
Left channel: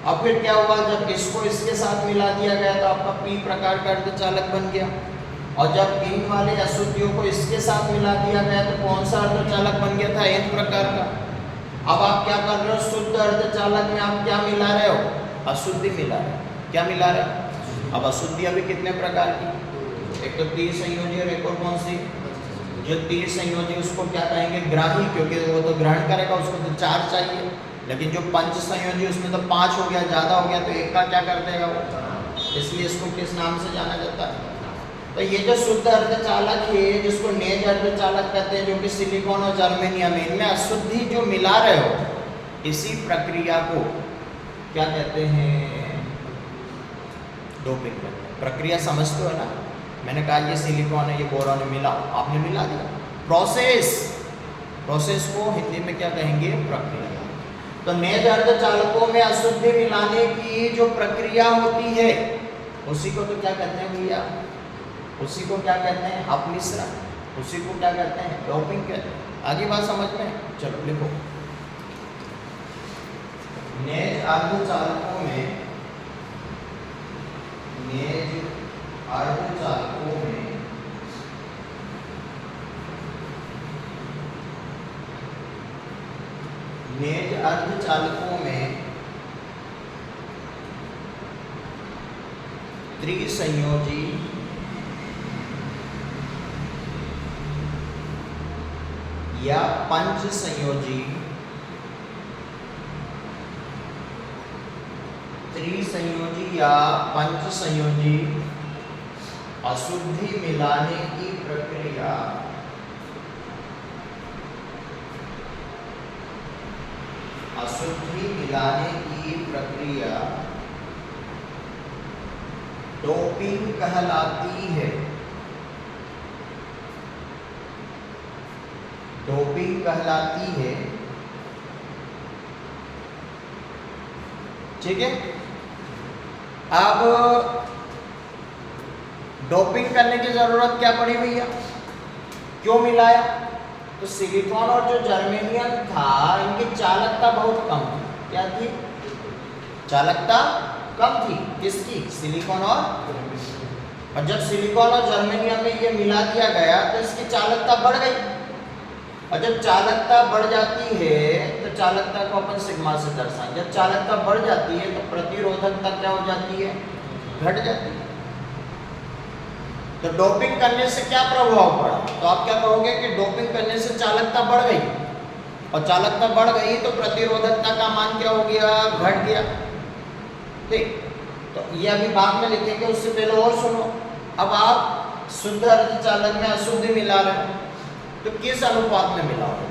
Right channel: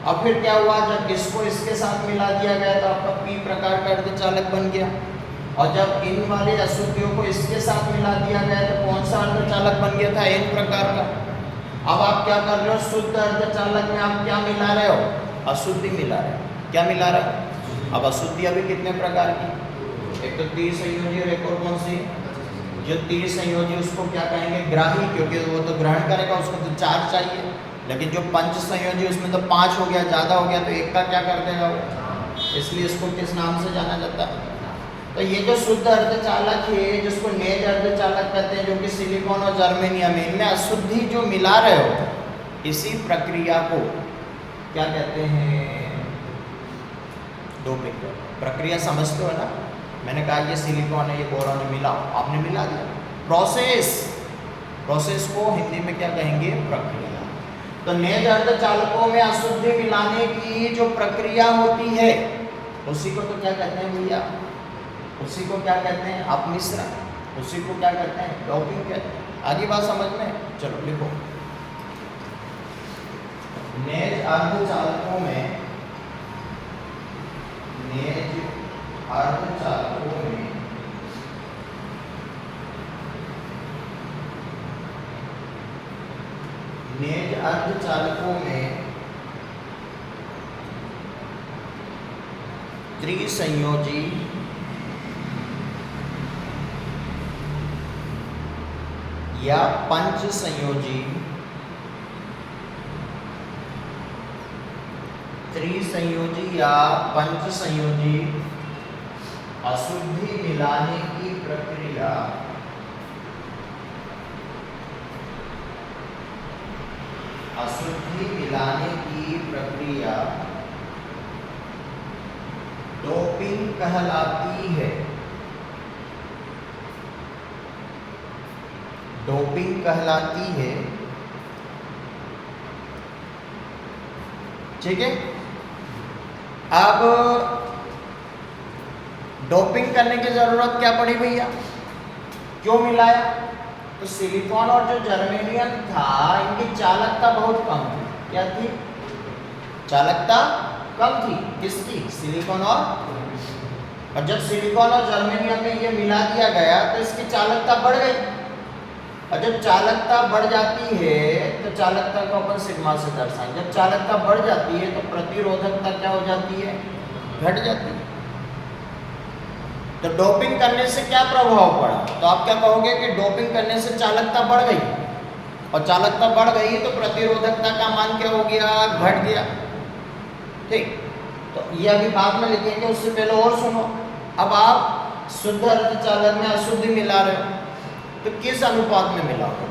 अब फिर क्या हुआ, जब इसको इसके साथ मिला दिया गया तो आपका पी प्रकार का अर्धचालक बन गया। और जब इन वाले अशुद्धियों को इसके साथ मिला दिया गया तो कौन सा अर्धचालक बन गया था, एन प्रकार का। अब आप क्या कर रहे हो, शुद्ध अर्धचालक में आप क्या मिला रहे हो, अशुद्धि मिला रहे हो। क्या मिला रहे हो, अब अशुद्धि अभी कितने प्रकार की, एक तो त्रिसंयोजी और एक और कौन सी, जो त्रिसंयोजी उसको क्या कहेंगे, ग्राही, क्योंकि वो तो ग्रहण करेगा, उसको तो 4 चाहिए। लेकिन जो पंच संयोजी उसमें तो 5 हो गया, ज़्यादा हो गया, तो एक का क्या कर देगा वो, इसलिए इसको किस नाम से जाना जाता है। तो ये जो शुद्ध अर्धचालक है, जिसको नेज अर्धचालक कहते हैं, जो कि सिलिकॉन और जर्मेनियम है, इनमें अशुद्धि जो मिला रहे हो, इसी प्रक्रिया को क्या कहते हैं, डोपिंग प्रक्रिया। समझते हो ना, मैंने कहा ये सिलिकॉन है, ये बोरॉन है, मिलाओ, आपने मिला दिया। प्रोसेस को हिंदी में क्या कहेंगे, प्रक्रिया। तो नेज अर्धचालकों में अशुद्धि मिलाने की जो प्रक्रिया होती है, उसी को तो क्या कहते हैं भैया, उसी को क्या कहते हैं, अपमिश्रण, उसी को क्या कहते हैं, डोपिंग कहते हैं। आगे बात समझ में, चलो लिखो। नेज अर्धचालकों में, नेज अर्धचालकों में नेज अर्धचालकों में त्रिसंयोजी या पंच संयोजी, त्रिसंयोजी या पंच संयोजी अशुद्धि मिलाने की प्रक्रिया अशुद्धि मिलाने की प्रक्रिया डोपिंग कहलाती है। डोपिंग कहलाती है। ठीक है। अब डोपिंग करने की जरूरत क्या पड़ी भैया, क्यों मिलाया? तो सिलिकॉन और जो जर्मेनियम था इनकी चालकता बहुत कम थी। क्या थी? चालकता कम थी। किसकी? सिलिकॉन और जब सिलिकॉन और जर्मेनियम में ये मिला दिया गया तो इसकी चालकता बढ़ गई, और जब चालकता बढ़ जाती है तो चालकता को अपन सिग्मा से दर्शाएं। जब चालकता बढ़ जाती है तो प्रतिरोधकता क्या हो जाती है? घट जाती है। तो डोपिंग करने से क्या प्रभाव पड़ा? तो आप क्या कहोगे कि डोपिंग करने से चालकता बढ़ गई, और चालकता बढ़ गई तो प्रतिरोधकता का मान क्या हो गया? घट गया। ठीक, तो ये अभी बाद में लिखेंगे, उससे पहले और सुनो। अब आप शुद्ध अर्धचालक में अशुद्धि मिला रहे हो, तो किस अनुपात में मिलाओगे?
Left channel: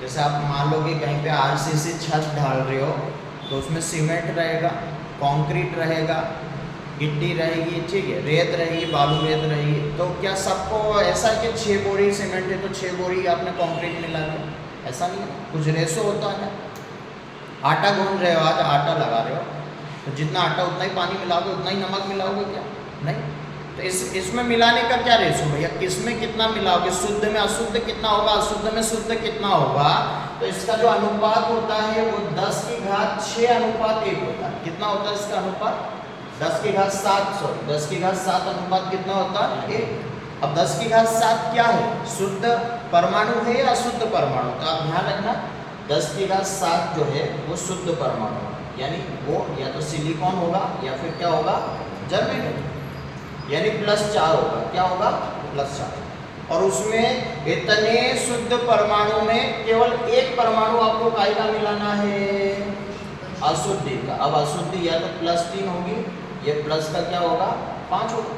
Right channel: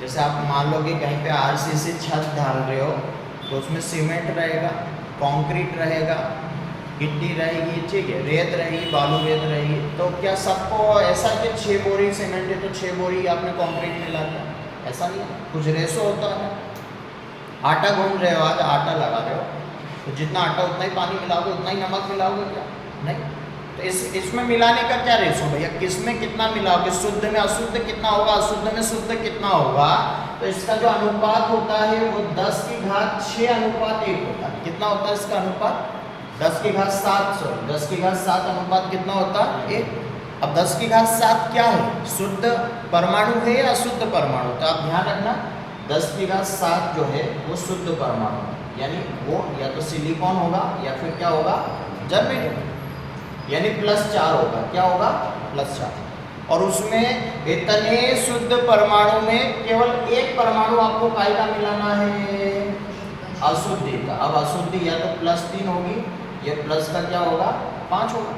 जैसे आप मान लो कि कहीं पे आरसीसी छत ढाल रहे हो, तो उसमें सीमेंट रहेगा, कंक्रीट रहेगा, गिट्टी रहेगी, ठीक है, रेत रहेगी, बालू रेत रहेगी। तो क्या सबको ऐसा है कि 6 बोरी सीमेंट है तो 6 बोरी आपने कंक्रीट मिला दिया? ऐसा नहीं, कुछ रेशो होता है। आटा गूंद रहे हो, आज आटा लगा रहे हो, तो जितना आटा उतना ही पानी मिलाओगे, उतना ही नमक मिलाओगे क्या? नहीं। तो इसमें मिलाने का क्या रेशो भैया, किसमें कितना मिलाओगे? शुद्ध में अशुद्ध कितना होगा, अशुद्ध में शुद्ध कितना होगा? तो इसका जो अनुपात होता है वो 10 की घात 6 अनुपात 1 होता है। कितना होता है इसका अनुपात? 10 की घात 7, सॉरी 10 की घात 7 अनुपात कितना होता है? 1। अब 10 की घात 7 क्या है? शुद्ध परमाणु है या अशुद्ध परमाणु? तो आप ध्यान रखना, 10 की घात 7 जो है वो शुद्ध परमाणु है, यानी वो या तो सिलिकॉन होगा या फिर क्या होगा? जर्मेनियम, यानी +4 होगा। क्या होगा? +4। और उसमें इतने शुद्ध परमाणु में केवल एक परमाणु आपको काय का मिलाना है? अशुद्धि का। अब अशुद्धि या तो +3 होगी, ये प्लस का क्या होगा? 5 होगा।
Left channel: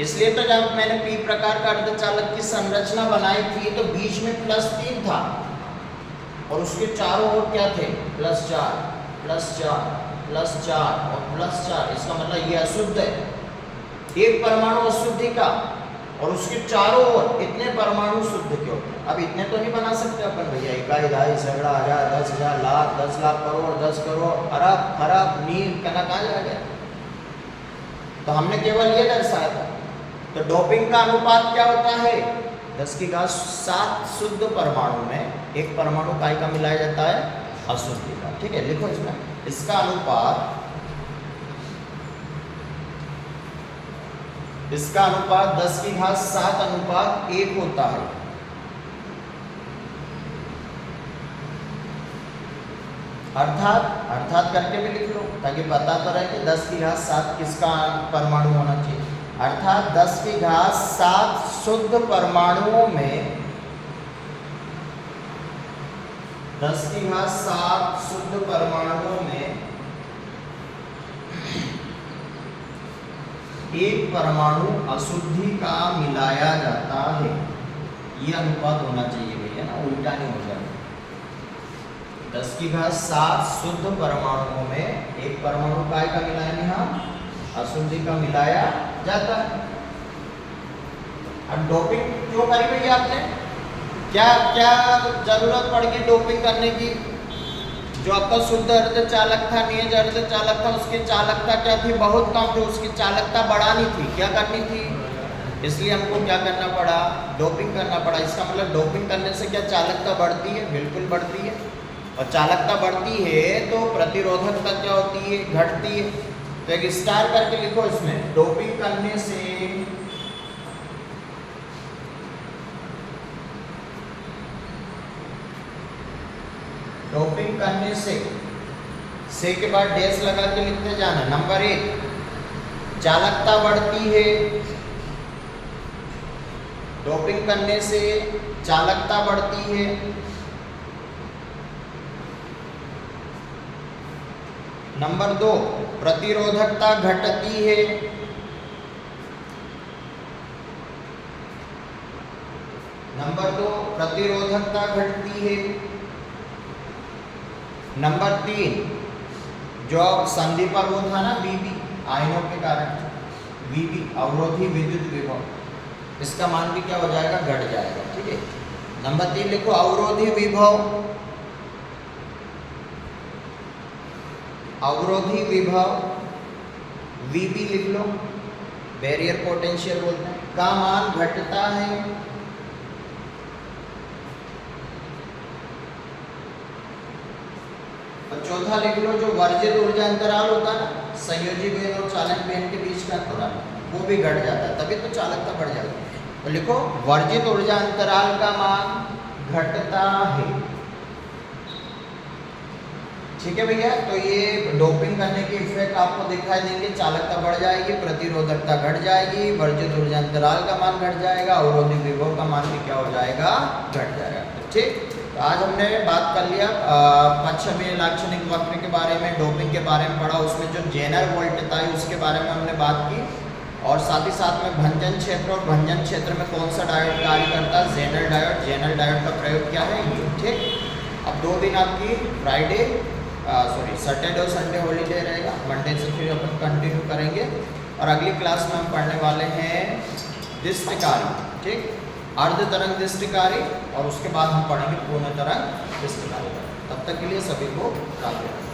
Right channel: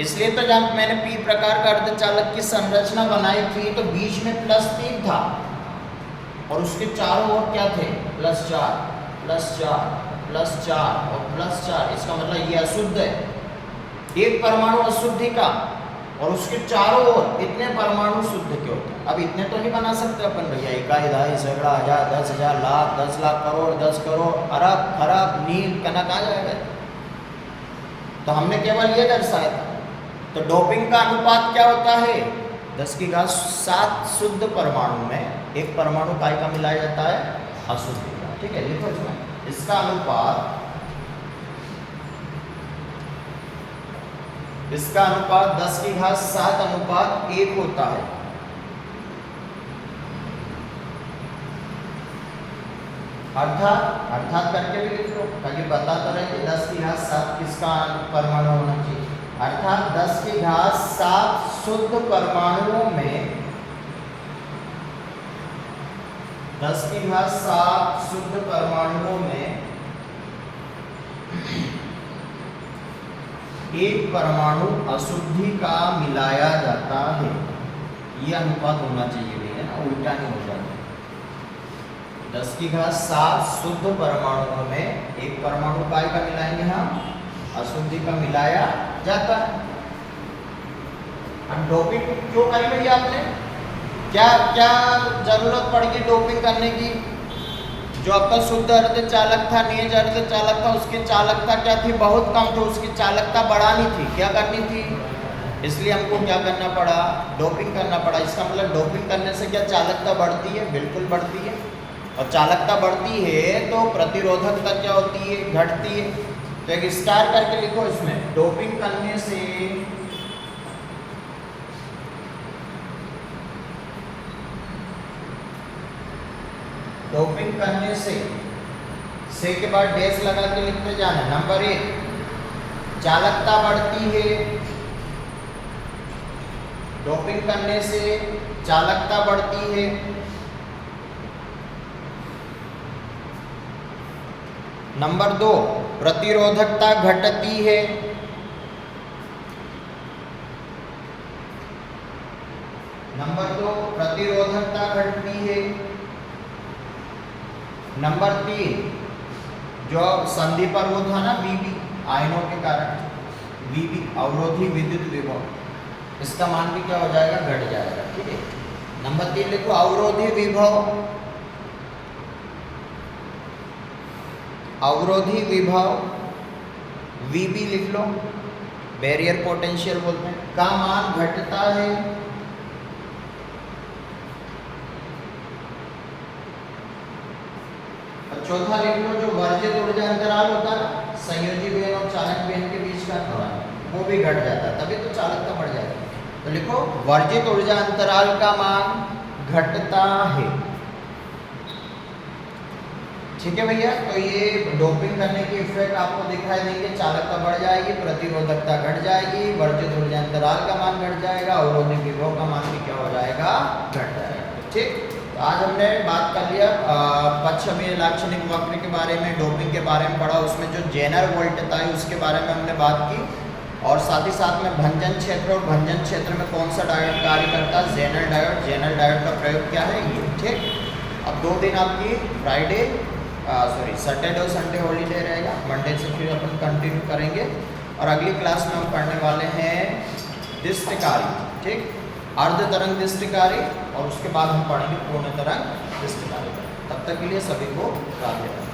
इसलिए तो जब मैंने पी प्रकार का अर्धचालक की संरचना बनाई थी तो बीच में +3 था, और उसके चारों ओर क्या थे? +4 +4 +4 और +4। इसका मतलब ये अशुद्ध है। एक परमाणु अशुद्धि का और उसके चारों ओर कितने परमाणु शुद्ध के होते हैं? अब इतने तो नहीं बना सकते अपन भैया, 1 ढाई सैकड़ा हजार 10,000 लाख 10 लाख करोड़ 10 करोड़ अरब खरब नील कनक आ जाएगा। तो हमने केवल ये दर्शाया था। तो डोपिंग का अनुपात क्या होता है? 10 की घात 7 शुद्ध परमाणु में एक परमाणु काय का मिलाया जाता है? अशुद्धि का। ठीक है, लिखो इसमें, इसका अनुपात 10 की घात 7 अनुपात 1 होता है। अर्थात करके भी लिख लो ताकि पता तो रहे कि 10 की घात 7 किसका परमाणु होना चाहिए। अर्थात 10 की घात 7 शुद्ध परमाणुओं में 10 की घात 7 शुद्ध परमाणुओं में एक परमाणु अशुद्धि का मिलाया जाता है। ये अनुपात होना चाहिए भैया ना, उल्टा नहीं हो जाता। 10 की घात 7 शुद्ध परमाणुओं में एक परमाणु काय का मिलाएंगे हम? अशुद्धि का मिलाया जाता है। अब डोपिंग क्यों करी भैया आपने? क्या क्या जरूरत पड़ेगी डोपिंग करने की? जो आपका शुद्ध अर्धचालक था, नियत अर्धचालक था, उसकी चालकता क्या थी? बहुत कम थी, उसकी चालकता बढ़ानी थी। क्या करनी थी? इसलिए हमको क्या करना पड़ा? डोपिंग करना पड़ा। इसका मतलब डोपिंग करने से क्या चालकता बढ़ती है? बिल्कुल बढ़ती है। और चालकता बढ़ती है तो प्रतिरोधकता क्या होती है? घटती है। तो एक स्टार करके लिखो इसमें, डोपिंग करने से डोपिंग करने से के बाद डैश लगा के लिखते जाना। नंबर 1, चालकता बढ़ती है। डोपिंग करने से चालकता बढ़ती है। नंबर 2, प्रतिरोधकता घटती है। नंबर 2, प्रतिरोधकता घटती है। नंबर 3 जो संधि पर वो था ना बीबी आयनों के कारण, बीबी अवरोधी विद्युत विभव, इसका मान भी क्या हो जाएगा, घट जाएगा। ठीक है, नंबर 3 लिखो अवरोधी विभव, अवरोधी विभव वीबी लिख लो, बैरियर पोटेंशियल बोलते हैं, का मान घटता है। चौथा लिख लो जो वर्जित ऊर्जा अंतराल होता है ना, संयोजी बेन और चालक बेन के बीच का अंतराल, वो भी घट जाता है, तभी तो चालकता बढ़ जाती है। तो लिखो वर्जित ऊर्जा अंतराल का मान घटता है। ठीक है भैया, तो ये डोपिंग करने के इफेक्ट आपको दिखाई देंगे, चालकता बढ़ जाएगी, प्रतिरोधकता घट जाएगी, वर्जित ऊर्जा अंतराल का मान घट जाएगा, अवरोधी विभव का मान भी क्या हो जाएगा, घट जाएगा। ठीक, तो आज हमने बात कर लिया पश्चिमी लाक्षणिक वक्र के बारे में, डोपिंग के बारे में पढ़ा, उसमें जो जेनर वोल्टता है उसके बारे में हमने बात की, और साथ ही साथ में भंजन क्षेत्र और भंजन क्षेत्र में कौन सा डायोड कार्य करता है, जेनर डायोड, जेनर डायोड का प्रयोग क्या है ये। ठीक, अब 2 दिन आपकी फ्राइडे सैटरडे और संडे हॉलीडे रहेगा, मंडे से फिर अपन कंटिन्यू करेंगे, और अगली क्लास में हम पढ़ने वाले हैं दृष्टिकारी। ठीक, अर्ध तरंग दृष्टिकारी, और उसके बाद हम पढ़ेंगे पूर्ण तरंग दृष्टिकारी। तब तक के लिए सभी को राधे राधे।